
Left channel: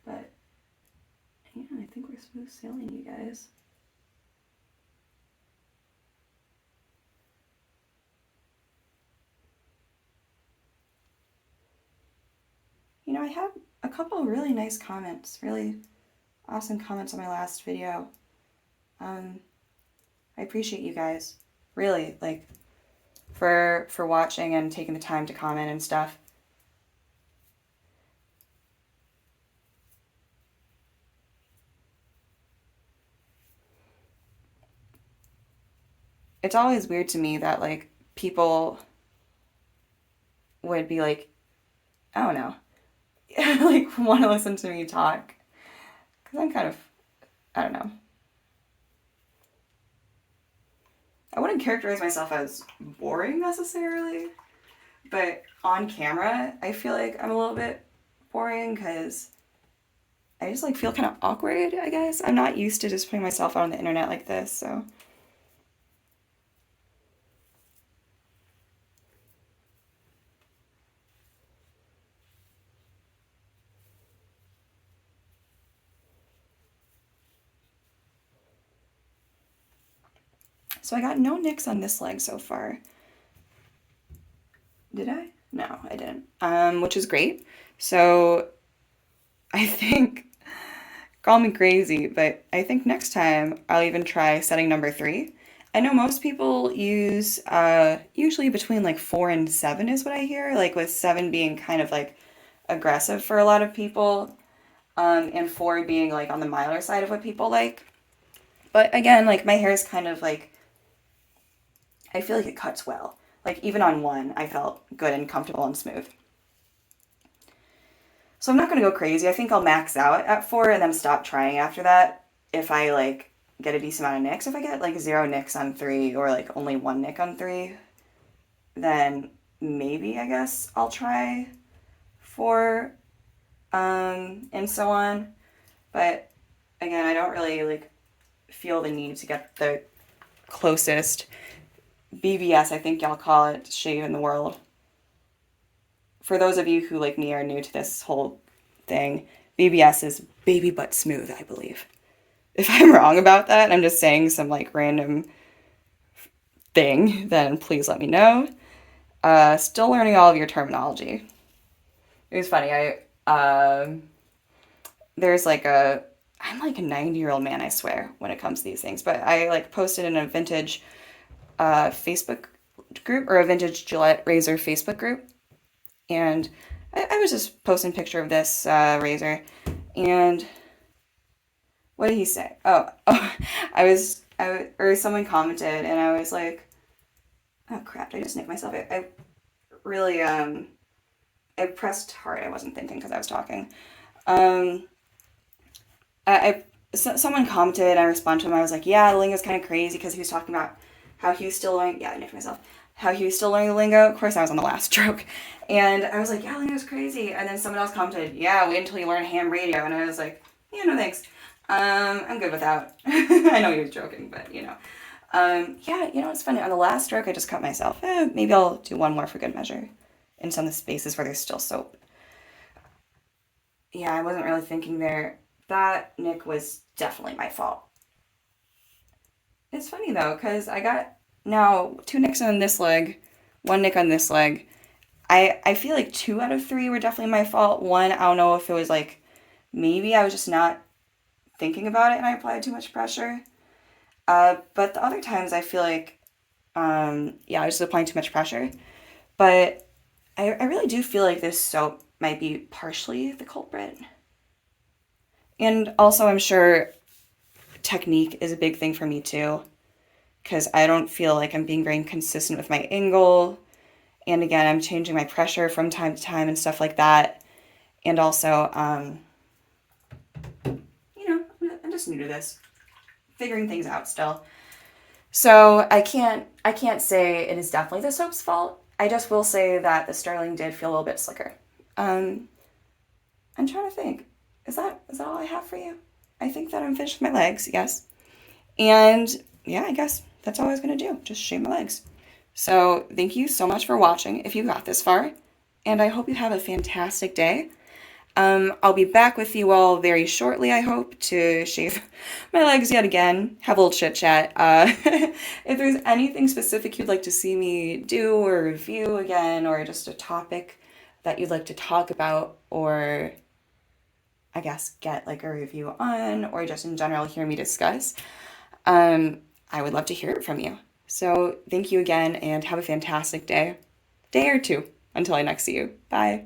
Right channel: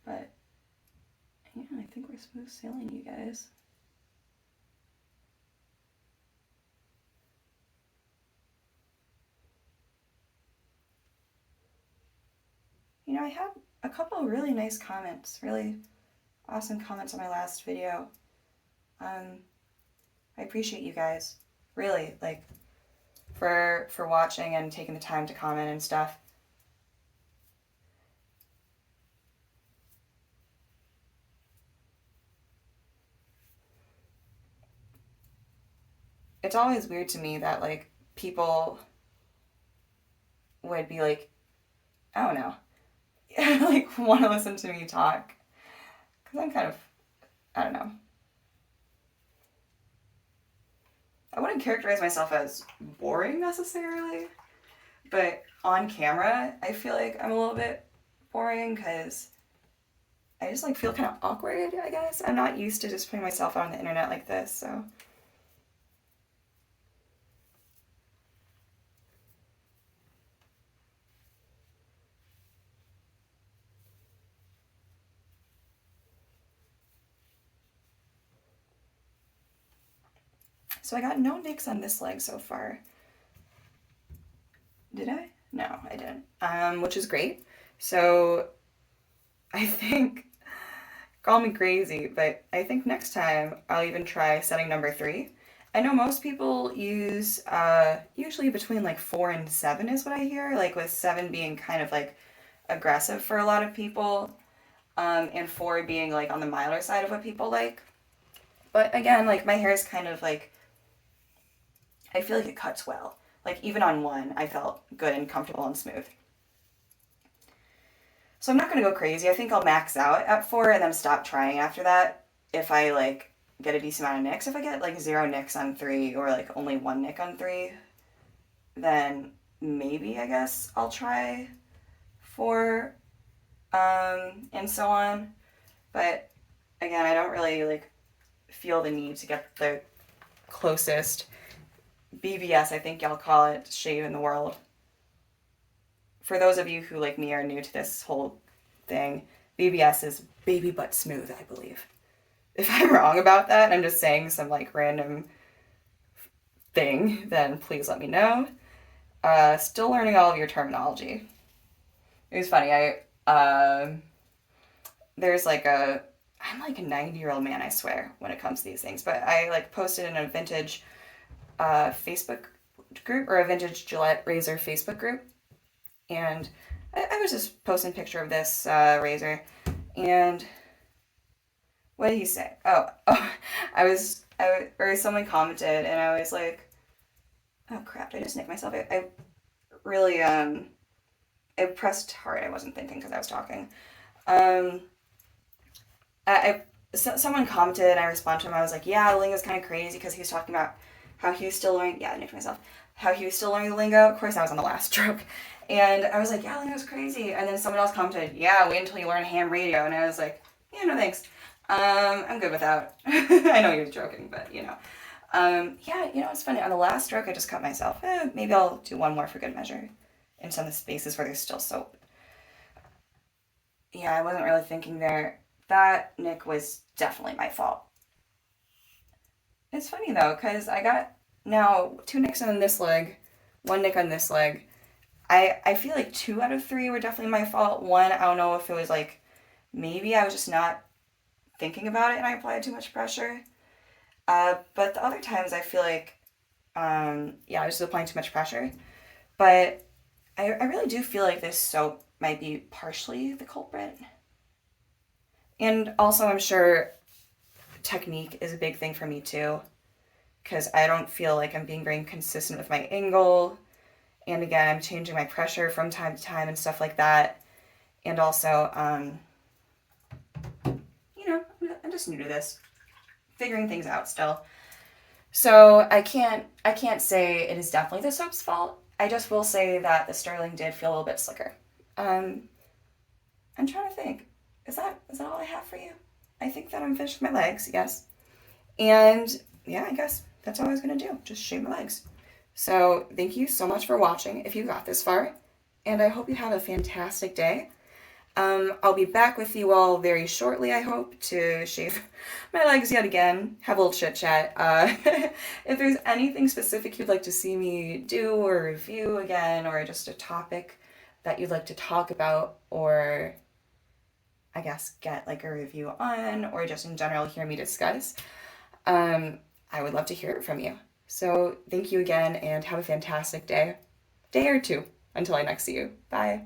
But yeah, I think we're smooth sailing, you guys. I had a couple of really nice comments, really awesome comments on my last video. I appreciate you guys, really, for watching and taking the time to comment and stuff. It's always weird to me that people would be I don't know, want to listen to me talk, because I'm kind of, I don't know. I wouldn't characterize myself as boring necessarily, but on camera, I feel like I'm a little bit boring because I just feel kind of awkward, I guess. I'm not used to just putting myself out on the internet like this, so. So I got no nicks on this leg so far. Did I? No, I didn't. Which is great. So I think, call me crazy, but I think next time I'll even try setting number 3. I know most people use usually between 4 and 7 is what I hear, with 7 being kind of aggressive for a lot of people, and 4 being on the milder side of what people like. But again, my hair is kind of I feel like it cuts well. Like even on one, I felt good and comfortable and smooth. So I'm not going to go crazy. I think I'll max out at 4 and then stop trying after that if I like get a decent amount of nicks. If I get like 0 nicks on 3 or like only 1 nick on 3, then maybe I guess I'll try 4 and so on. But again, I don't really like feel the need to get the closest BBS, I think y'all call it, shave in the world. For those of you who, like me, are new to this whole thing, BBS is baby butt smooth, I believe. If I'm wrong about that, I'm just saying some like random thing, then please let me know. Still learning all of your terminology. It was funny. There's like I'm like a 90-year-old man, I swear, when it comes to these things. But I like posted in a vintage Facebook group, or a vintage Gillette razor Facebook group, and I was just posting a picture of this razor, and what did he say? Or someone commented, and I was like, oh crap, I just nicked myself. I really, I pressed hard. I wasn't thinking because I was talking. Someone commented, and I responded to him. I was like, yeah, the lingo's kind of crazy because he was talking about how he was still learning. Yeah, I nicked myself. How he was still learning the lingo. Of course, I was on the last stroke. And I was like, yeah, lingo's crazy. And then someone else commented, yeah, wait until you learn ham radio. And I was like, yeah, no thanks. I'm good without. I know he was joking, but you know. Yeah, you know, it's funny. On the last stroke, I just cut myself. Maybe I'll do one more for good measure in some of the spaces where there's still soap. Yeah, I wasn't really thinking there. That nick was definitely my fault. It's funny though, because I got now 2 nicks on this leg, 1 nick on this leg. I feel like 2 out of 3 were definitely my fault. 1, I don't know if it was like maybe I was just not thinking about it and I applied too much pressure. But the other times I feel like, yeah, I was just applying too much pressure. But I really do feel like this soap might be partially the culprit. And also, I'm sure technique is a big thing for me too, because I don't feel like I'm being very consistent with my angle. And again, I'm changing my pressure from time to time and stuff like that. And also, you know, I'm just new to this, figuring things out still. So I can't say it is definitely the soap's fault. I just will say that the sterling did feel a little bit slicker. I'm trying to think. Is that all I have for you? I think that I'm finished with my legs, yes. And yeah, I guess that's all I was gonna do. Just shave my legs. So thank you so much for watching if you got this far. And I hope you have a fantastic day. I'll be back with you all very shortly, I hope, to shave my legs yet again, have a little chit chat. If there's anything specific you'd like to see me do or review again, or just a topic that you'd like to talk about, or I guess get like a review on, or just in general hear me discuss, I would love to hear it from you. So thank you again and have a fantastic day or two until I next see you. Bye.